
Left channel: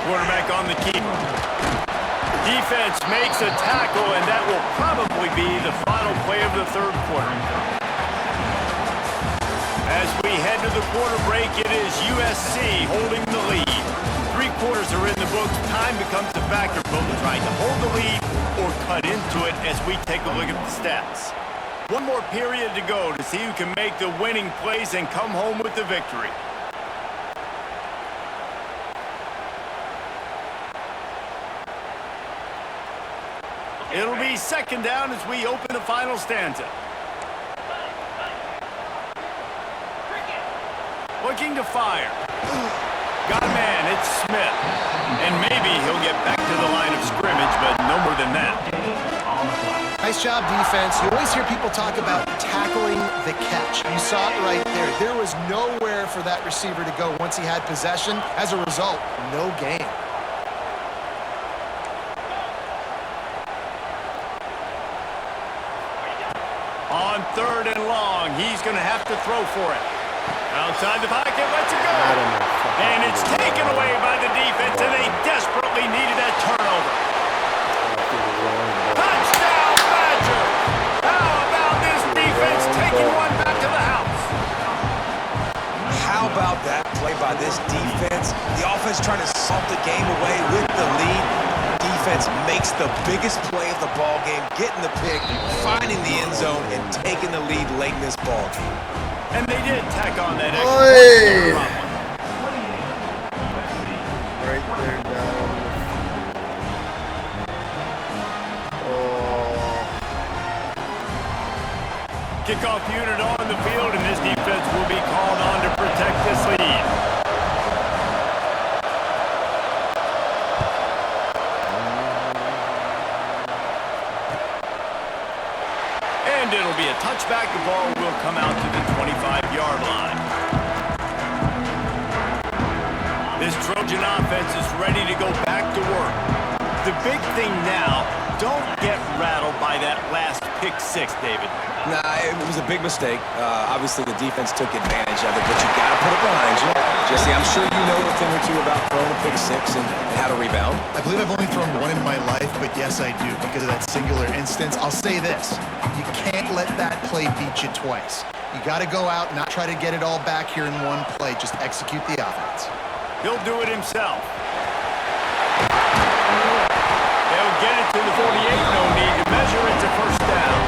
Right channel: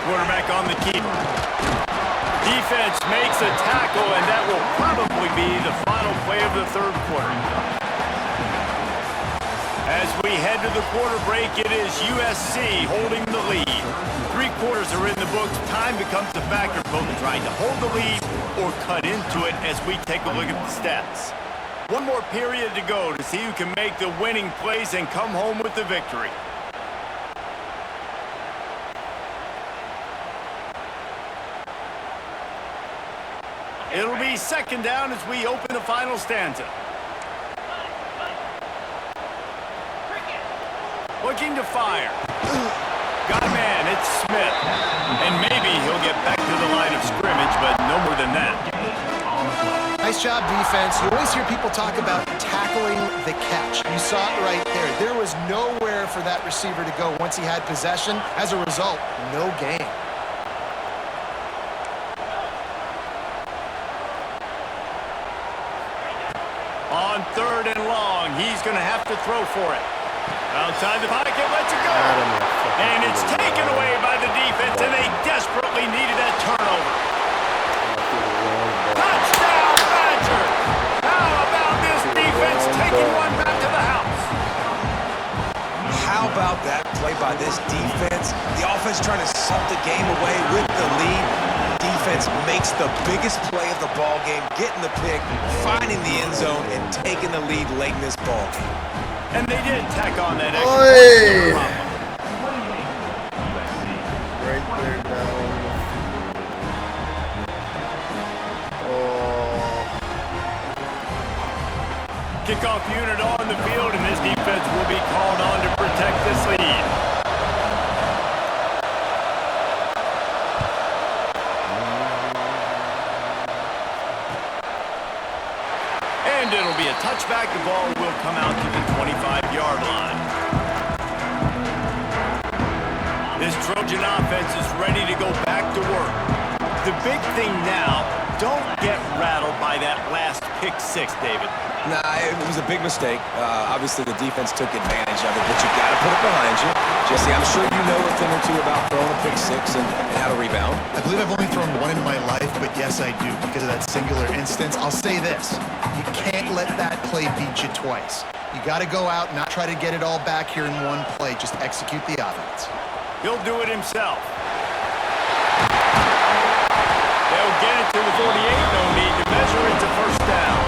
Quarterback on the keeper. Defense makes a tackle, and that will probably be the final play of the 3rd quarter. As we head to the quarter break, it is USC holding the lead. 3 quarters are in the books. Time becomes a factor, both trying to hold the lead or cut into it as we take a look at the stats. One more period to go to see who can make the winning plays and come home with the victory. It'll be 2nd down as we open the final stanza. Looking to fire. Got a man, it's Smith. And maybe he'll get back to the line of scrimmage, but no more than that. Nice job, defense. You always hear people talk about tackling the catch. You saw it right there. There was nowhere for that receiver to go once he had possession. As a result, no gain. On 3rd and long, he's going to have to throw for it. Outside the pocket, lets it go. And it's taken away by the defense, and they desperately needed that turnover. Touchdown, Badgers! How about this defense taking one back to the house? How about that play by this defense? The offense trying to salt the game away with the lead. Defense makes the biggest play of the ball game, getting the pick, finding the end zone, and taking the lead late in this ball game. And they did tack on that extra point. Right there down. Oh. Kickoff unit on the field, and this defense will be called on to protect this lead. And it'll be a touchback. The ball will come out to the 25-yard line. This Trojan offense is ready to go back to work. The big thing now, don't get rattled by that last pick six, David. Nah, it was a big mistake. Obviously, the defense took advantage of it, but you got to put it behind you. Jesse, I'm sure you know a thing or two about throwing a pick six and how to rebound. I believe I've only thrown one in my life, but yes, I do because of that singular instance. I'll say this. You can't let that play beat you twice. You got to go out and not try to get it all back here in one play. Just execute the offense. He'll do it himself. They'll get it to the 48. No need to measure. It's a first down.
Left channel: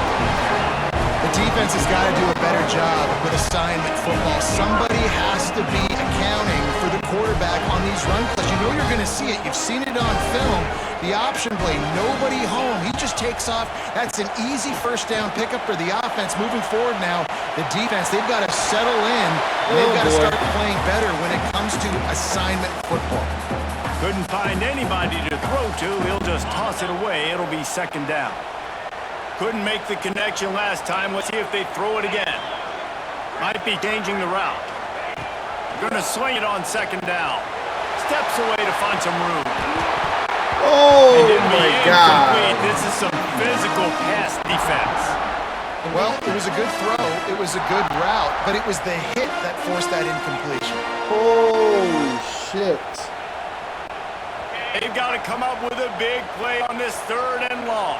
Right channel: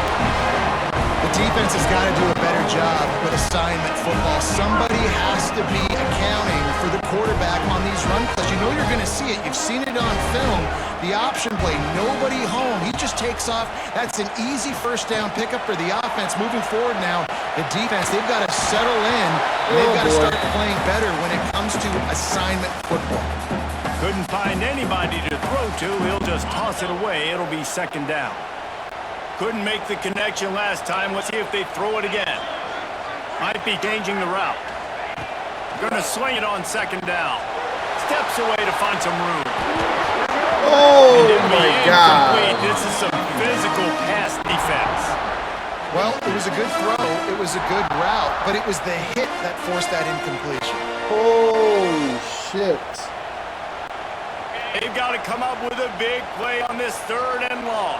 The defense has got to do a better job with assignment football. Somebody has to be accounting for the quarterback on these run plays. You know you're going to see it. You've seen it on film. The option play, nobody home. He just takes off. That's an easy first down pickup for the offense. Moving forward now, the defense, they've got to settle in, and they've got to start playing better when it comes to assignment football. Couldn't find anybody to throw to. He'll just toss it away. It'll be second down. Couldn't make the connection last time. Let's see if they throw it again. Might be changing the route. Gonna swing it on second down. Steps away to find some room. Oh, And it'll be my incomplete. God. This is some physical pass defense. Well, it was a good throw. It was a good route, but it was the hit that forced that incompletion. Holy shit. They've got to come up with a big play on this 3rd and long.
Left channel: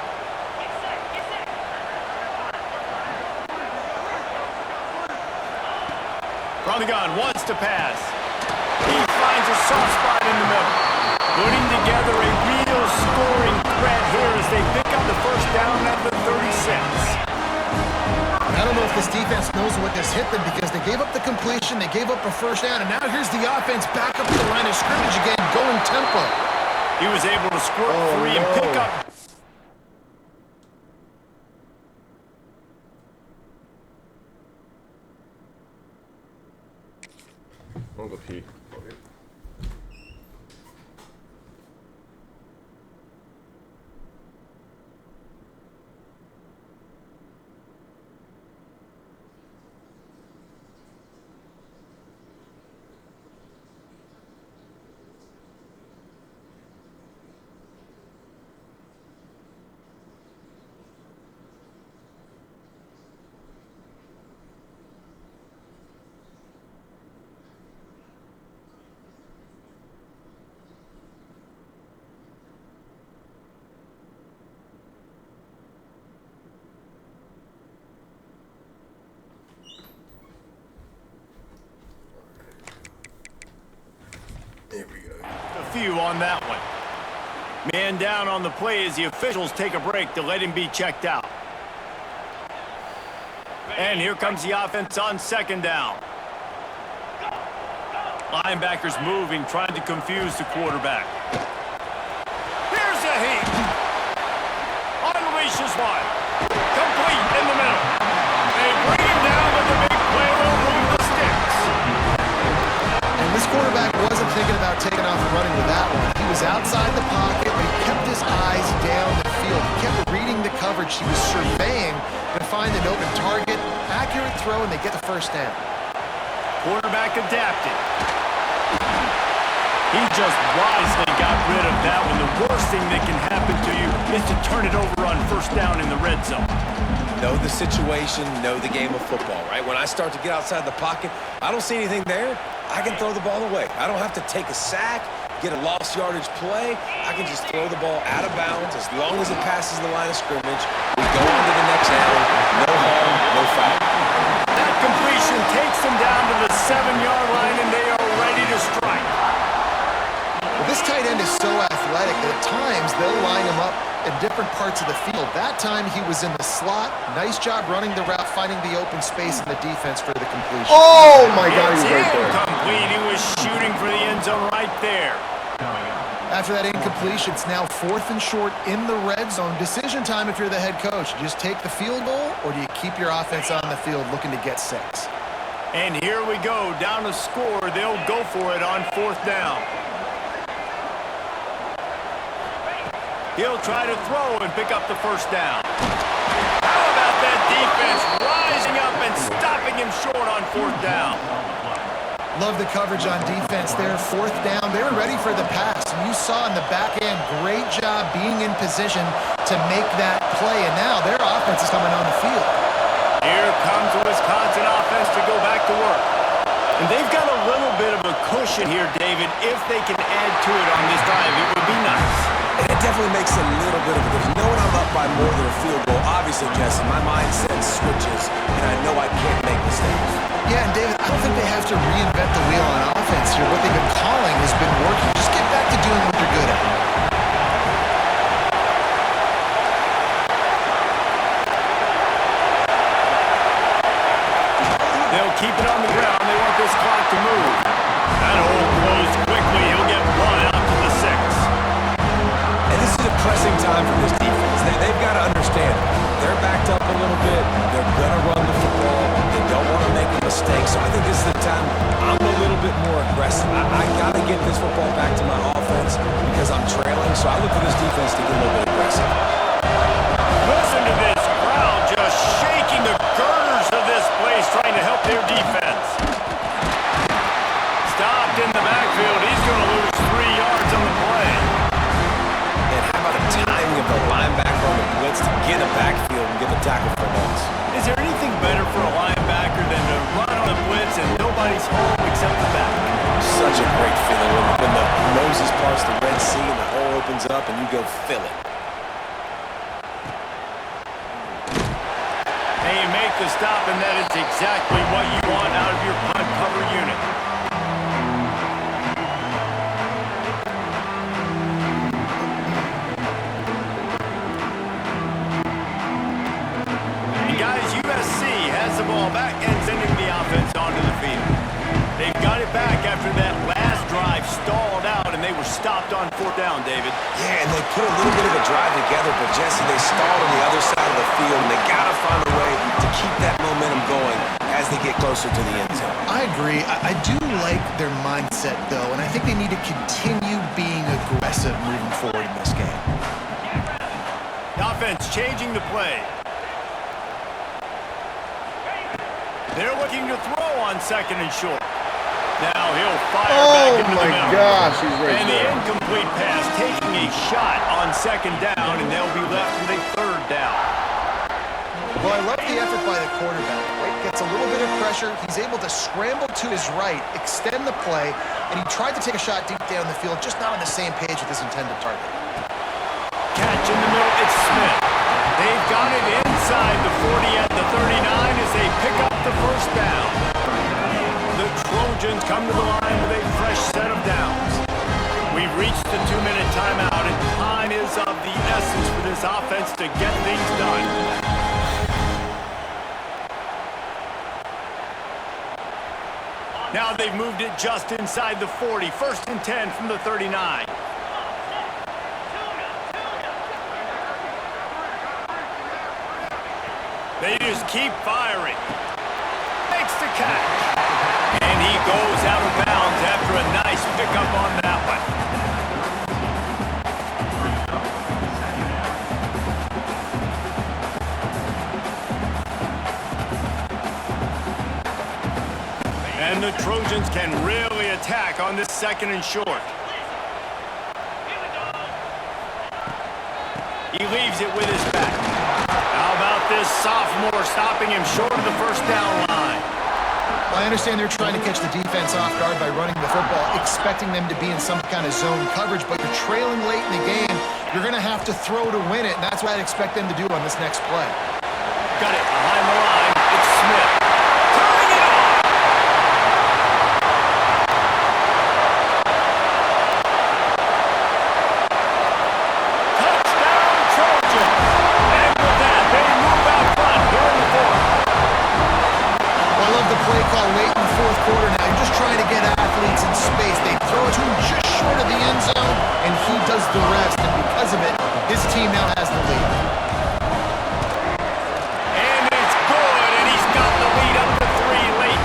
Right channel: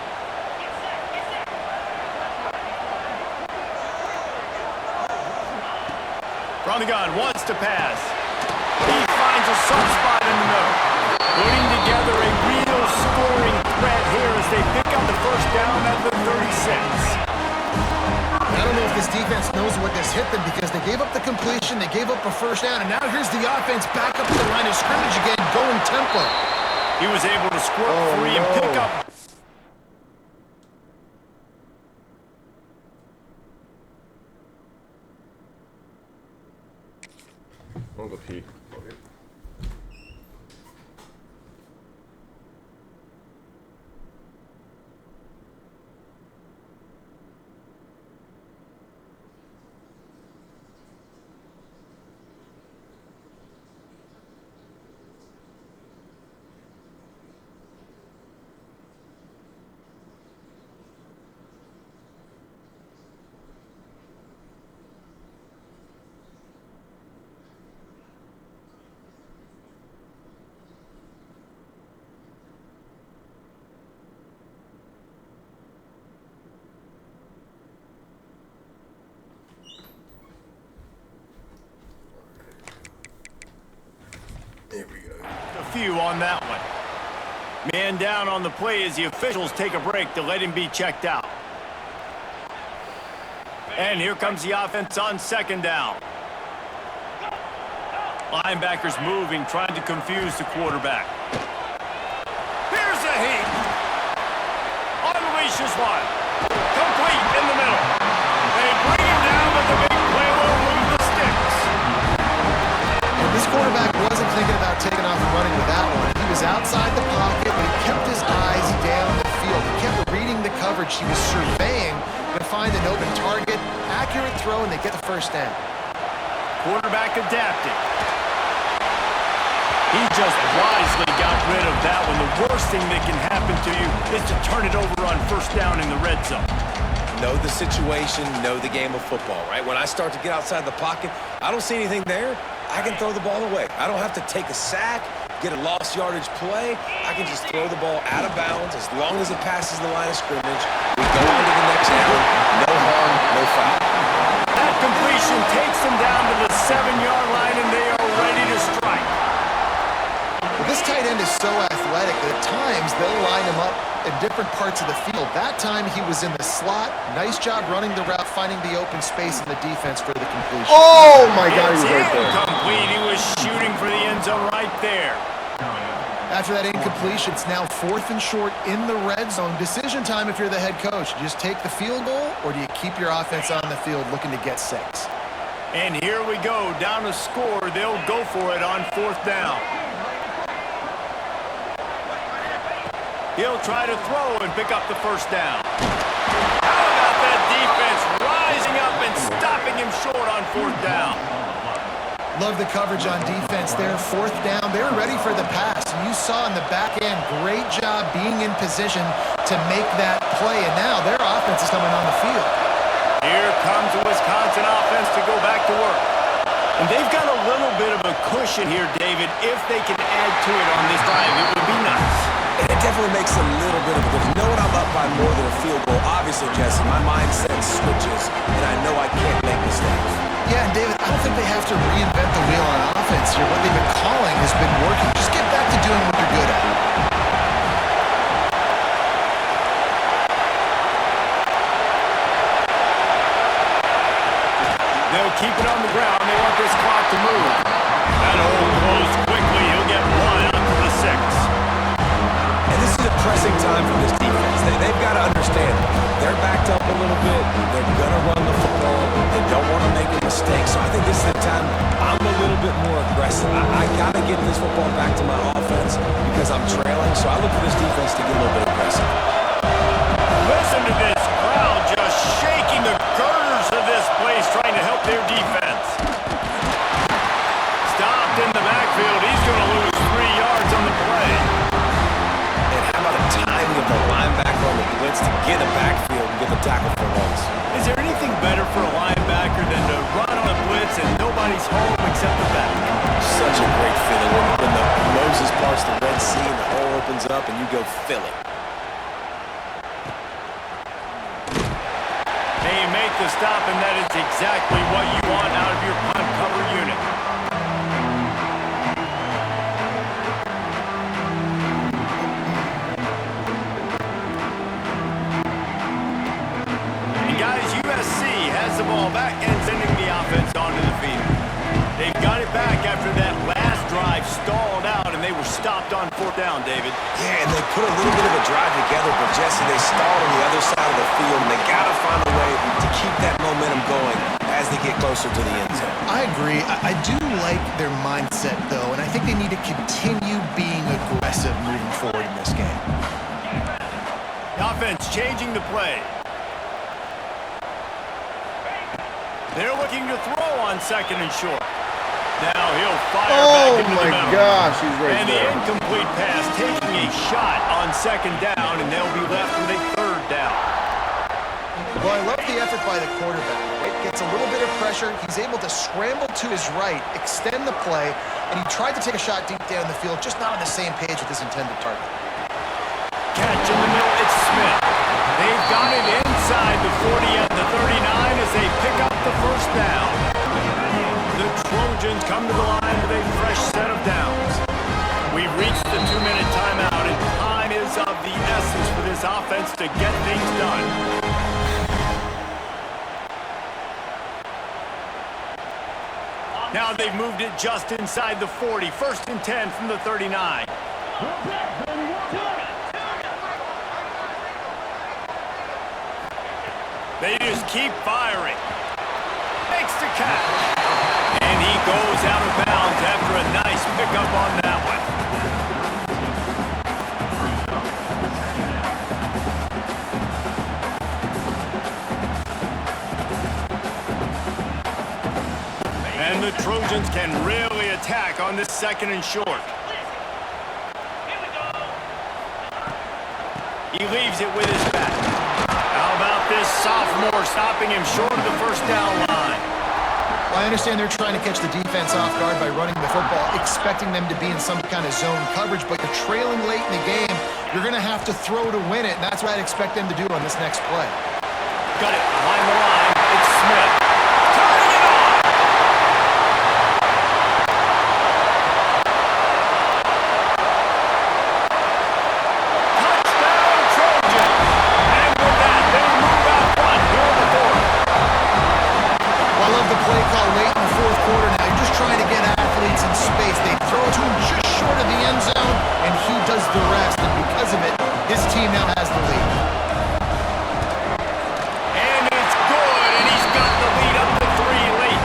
From the gun, wants to pass. He finds a soft spot in the middle. Putting together a real scoring threat here as they pick up the first down at the 36. I don't know if this defense knows what this hit them because they gave up the completion, they gave up a first down, and now here's the offense back up to the line of scrimmage again, going tempo. He was able to squirt free and pick up. I'm gonna go pee. There we go. A few on that one. Man down on the play as the officials take a break to let him be checked out. And here comes the offense on second down. Linebackers moving, trying to confuse the quarterback. Here's a heat. Unleashes one. Complete in the middle. They bring him down, but the big play will move the sticks. And this quarterback wasn't thinking about taking off and running with that one. He was was outside the pocket, but he kept his eyes down the field. He kept reading the coverage. He was surveying to find an open target. Accurate throw, and they get the first down. Quarterback adapted. He just wisely got rid of that one. The worst thing that can happen to you is to turn it over on first down in the red zone. Know the situation, know the game of football, right? When I start to get outside the pocket, I don't see anything there, I can throw the ball away. I don't have to take a sack, get a lost yardage play. I can just throw the ball out of bounds as long as it passes the line of scrimmage. We go on to the next down. No harm, no foul. That completion takes them down to the 7-yard line, and they are ready to strike. Well, this tight end is so athletic that at times they'll line him up in different parts of the field. That time he was in the slot. Nice job running the route, finding the open space in the defense for the completion. Oh my God, It's he was right there. incomplete. He was shooting for the end zone right there. After that incompletion, it's now 4th and short in the red zone. Decision time if you're the head coach. Do you just take the field goal, or do you keep your offense on the field looking to get 6? And here we go, down to score. They'll go for it on 4th down. He'll try to throw and pick up the first down. How about that defense rising up and stopping him short on 4th down? Love the coverage on defense there. 4th down, they were ready for the pass. And you saw in the back end, great job being in position to make that play. And now their offense is coming on the field. Here comes the Wisconsin offense to go back to work. And they've got a little bit of a cushion here, David. If they can add to it on this drive, it would be nice. And it definitely makes a little bit of a difference. Knowing I'm up by more than a field goal, obviously, Jesse, my mindset switches, and I know I can't make mistakes. Yeah, and David, I don't think they have to reinvent the wheel on offense here. What they've been calling has been working. Just get back to doing what you're good at. They'll keep it on the ground. They want this clock to move. That hole closed quickly. He'll get 1 out to the 6. And this is a pressing time for this defense. They've got to understand, they're backed up a little bit. They're going to run the football. They don't want to make a mistake. So I think this is the time I'm a little bit more aggressive. I got to get this football back to my offense because I'm trailing. So I look for this defense to get a little bit aggressive. Listen to this crowd just shaking the girders of this place, trying to help their defense. Stopped in the backfield. He's going to lose 3 yards on the play. And how about the timing of the linebacker on the blitz to get a backfield and get the tackle for a loss? Is there anything better for a linebacker than to run on a blitz and nobody's home except the back? Such a great feeling when the Moses parts the Red Sea and the hole opens up and you go fill it. They make the stop, and that is exactly what you want out of your punt cover unit. And guys, USC has the ball back and sending the offense onto the field. They've got it back after that last drive stalled out, and they were stopped on 4th down, David. Yeah, and they put a little bit of a drive together, but Jesse, they stalled on the other side of the field, and they got to find a way to keep that momentum going as they get closer to the end zone. I agree. I do like their mindset, though, and I think they need to continue being aggressive moving forward in this game. The offense changing the play. They're looking to throw on 2nd and short. Now he'll fire back into the middle. Oh my gosh, he's right and there. the incomplete pass taking a shot on 2nd down, and they'll be left with a 3rd down. Well, I love the effort by the quarterback. Right? Gets a little bit of pressure. He's able to scramble to his right, extend the play, and he tried to take a shot deep down the field, just not on the same page with his intended target. Catch in the middle, it's Smith. They've got it inside the 40 at the 39 as they pick up the first down. The Trojans come to the line with a fresh set of downs. We've reached the 2-minute timeout, and time is of the essence for this offense to get things done. Now they've moved it just inside the 40. 1st and 10 from the 39. They just keep firing. Makes the catch. And he goes out of bounds after a nice pickup on that one. And the Trojans can really attack on this 2nd and short. He leaves it with his back. How about this sophomore stopping him short of the first down line? Well, I understand they're trying to catch the defense off guard by running the football, expecting them to be in some kind of zone coverage, but you're trailing late in the game. You're going to have to throw to win it, and that's what I'd expect them to do on this next play. Got it behind the line. It's Smith. Turning it on! Touchdown, Trojans! And with that, they move out front here in the 4th. Well, I love the play call late in the 4th quarter now. You're just trying to get athletes in space. They throw it to him just short of the end zone, and he does the rest. And because of it, his team now has the lead. And it's good, and he's got the lead up to 3 late.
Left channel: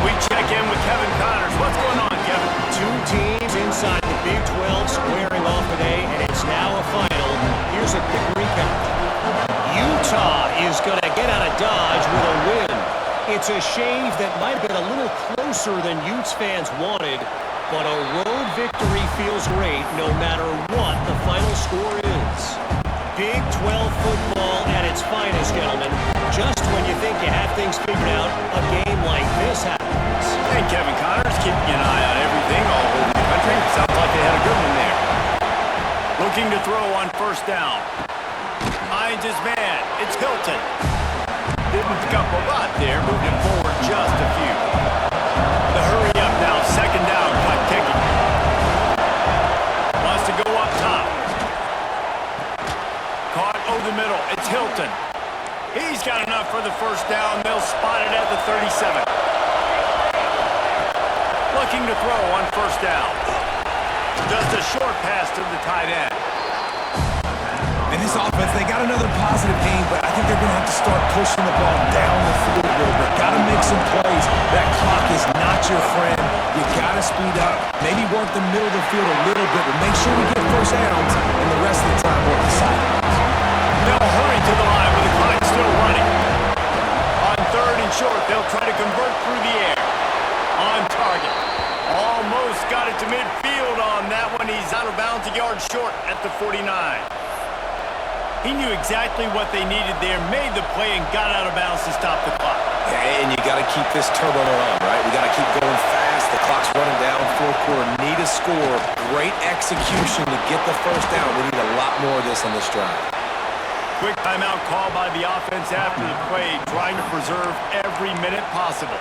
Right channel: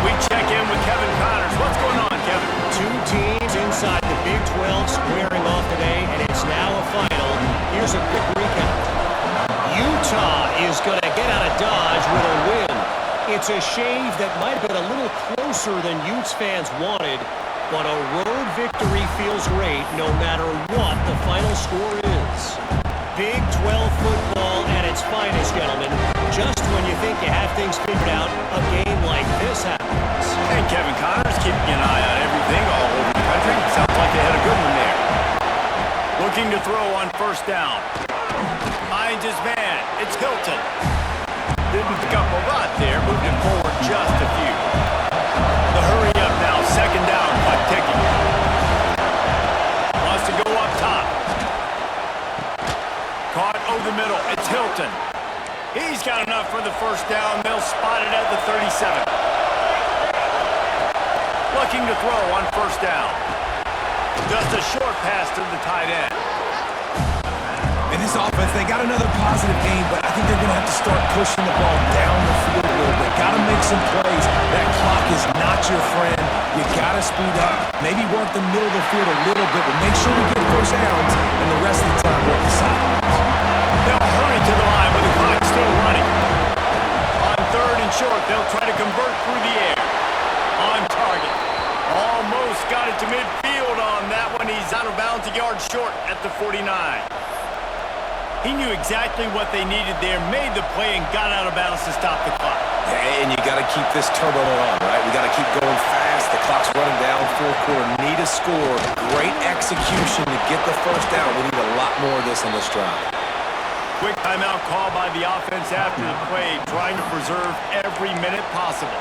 We check in with Kevin Connors. What's going on, Kevin? 2 teams inside the Big 12 squaring off today, and it's now a final. Here's a quick recap. Utah is going to get out of Dodge with a win. It's a shave that might have been a little closer than Utes fans wanted, but a road victory feels great no matter what the final score is. Big 12 football at its finest, gentlemen. Just when you think you have things figured out, a game like this happens. And Kevin Connors keeping an eye on everything all over the country. Sounds like they had a good one there. Looking to throw on 1st down. Finds his man. It's Hilton. Didn't pick up a lot there. Moved it forward just a few. The hurry up now. 2nd down. Clock ticking. Wants to go up top. Caught over the middle. It's Hilton. He's got enough for the 1st down. They'll spot it at the 37. Looking to throw on 1st down. Just a short pass to the tight end. In this offense, they got another positive game, but I think they're going to have to start pushing the ball down the field a little bit. Got to make some plays. That clock is not your friend. You got to speed up. Maybe work the middle of the field a little bit, but make sure we get 1st downs, and the rest of the time work the sidelines. They'll hurry to the line with the clock still running. On 3rd and short, they'll try to convert through the air. On target. Almost got it to midfield on that one. He's out of bounds a yard short at the 49. He knew exactly what they needed there, made the play, and got out of bounds to stop the clock. Yeah, and you got to keep this turbo on, right? We got to keep going fast. The clock's running down. 4th quarter, need a score. Great execution to get the 1st down. We need a lot more of this on this drive. Quick timeout call by the offense after the play, trying to preserve every minute possible.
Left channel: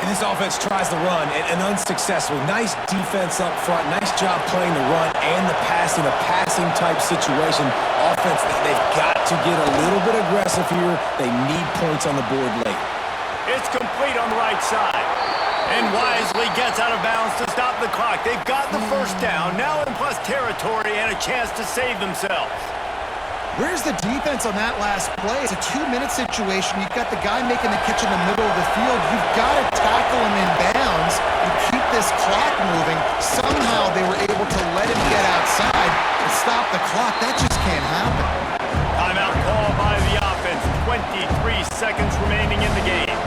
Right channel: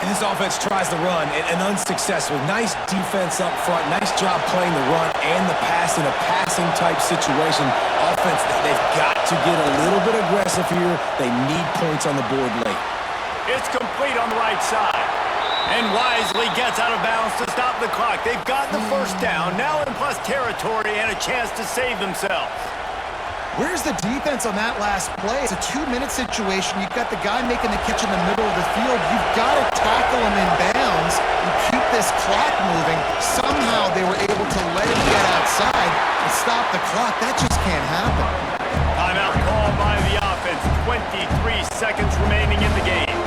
And this offense tries to run, and unsuccessfully. Nice defense up front. Nice job playing the run and the pass in a passing-type situation. Offense, they've got to get a little bit aggressive here. They need points on the board late. It's complete on the right side. And wisely gets out of bounds to stop the clock. They've got the 1st down, now in plus territory, and a chance to save themselves. Where's the defense on that last play? It's a 2-minute situation. You've got the guy making the catch in the middle of the field. You've got to tackle him in bounds and keep this clock moving. Somehow they were able to let him get outside and stop the clock. That just can't happen. Timeout call by the offense. 23 seconds remaining in the game.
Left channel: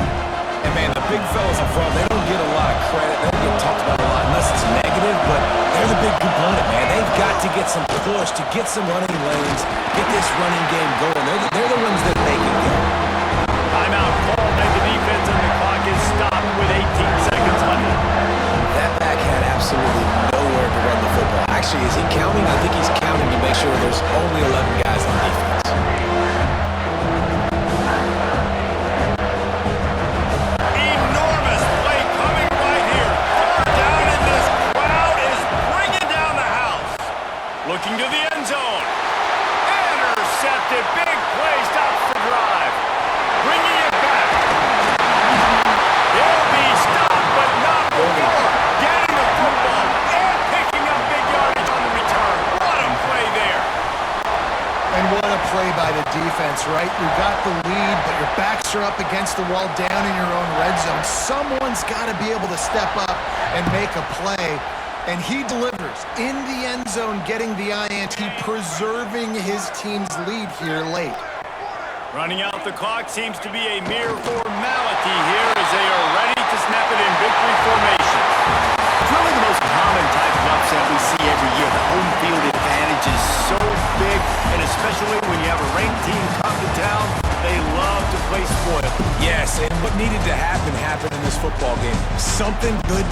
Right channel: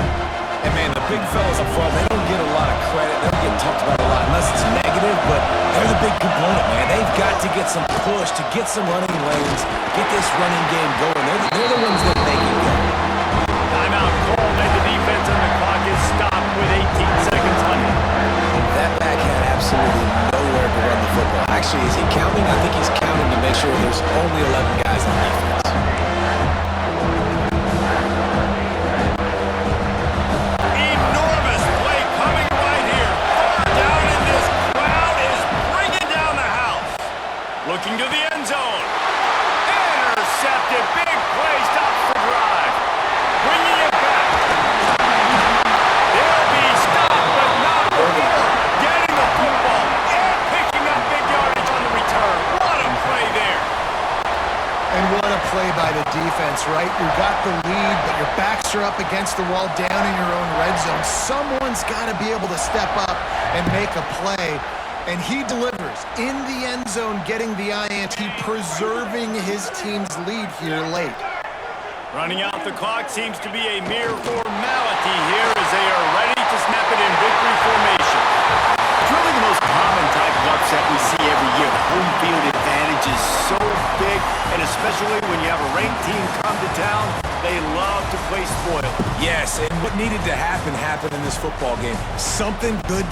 And, man, the big fellas up front, they don't get a lot of credit. They don't get talked about a lot unless it's negative, but they're the big component, man. They've got to get some push, to get some running lanes, get this running game going. They're the ones that make it go. Timeout called by the defense, and the clock is stopped with 18 seconds left. That back had absolutely nowhere to run the football. Actually, is he counting? I think he's counting to make sure there's only 11 guys on defense. Enormous play coming right here. 3rd down, and this crowd is bringing down the house. Looking to the end zone. Intercepted. Big play. Stops the drive. Bringing it back. They'll be stopped, but not before getting the football and picking up big yardage on the return. What a play there. And what a play by the defense, right? You got the lead, but your backs are up against the wall down in your own red zone. Someone's got to be able to step up and make a play. And he delivers in the end zone, getting the INT, preserving his team's lead here late. Running out the clock seems to be a mere formality here as they are ready to snap it in victory formation. It's really the most common type of upset we see every year. The home field advantage is so big, and especially when you have a ranked team come to town, they love to play spoiler. Yes, and what needed to happen happened in this football game. Something good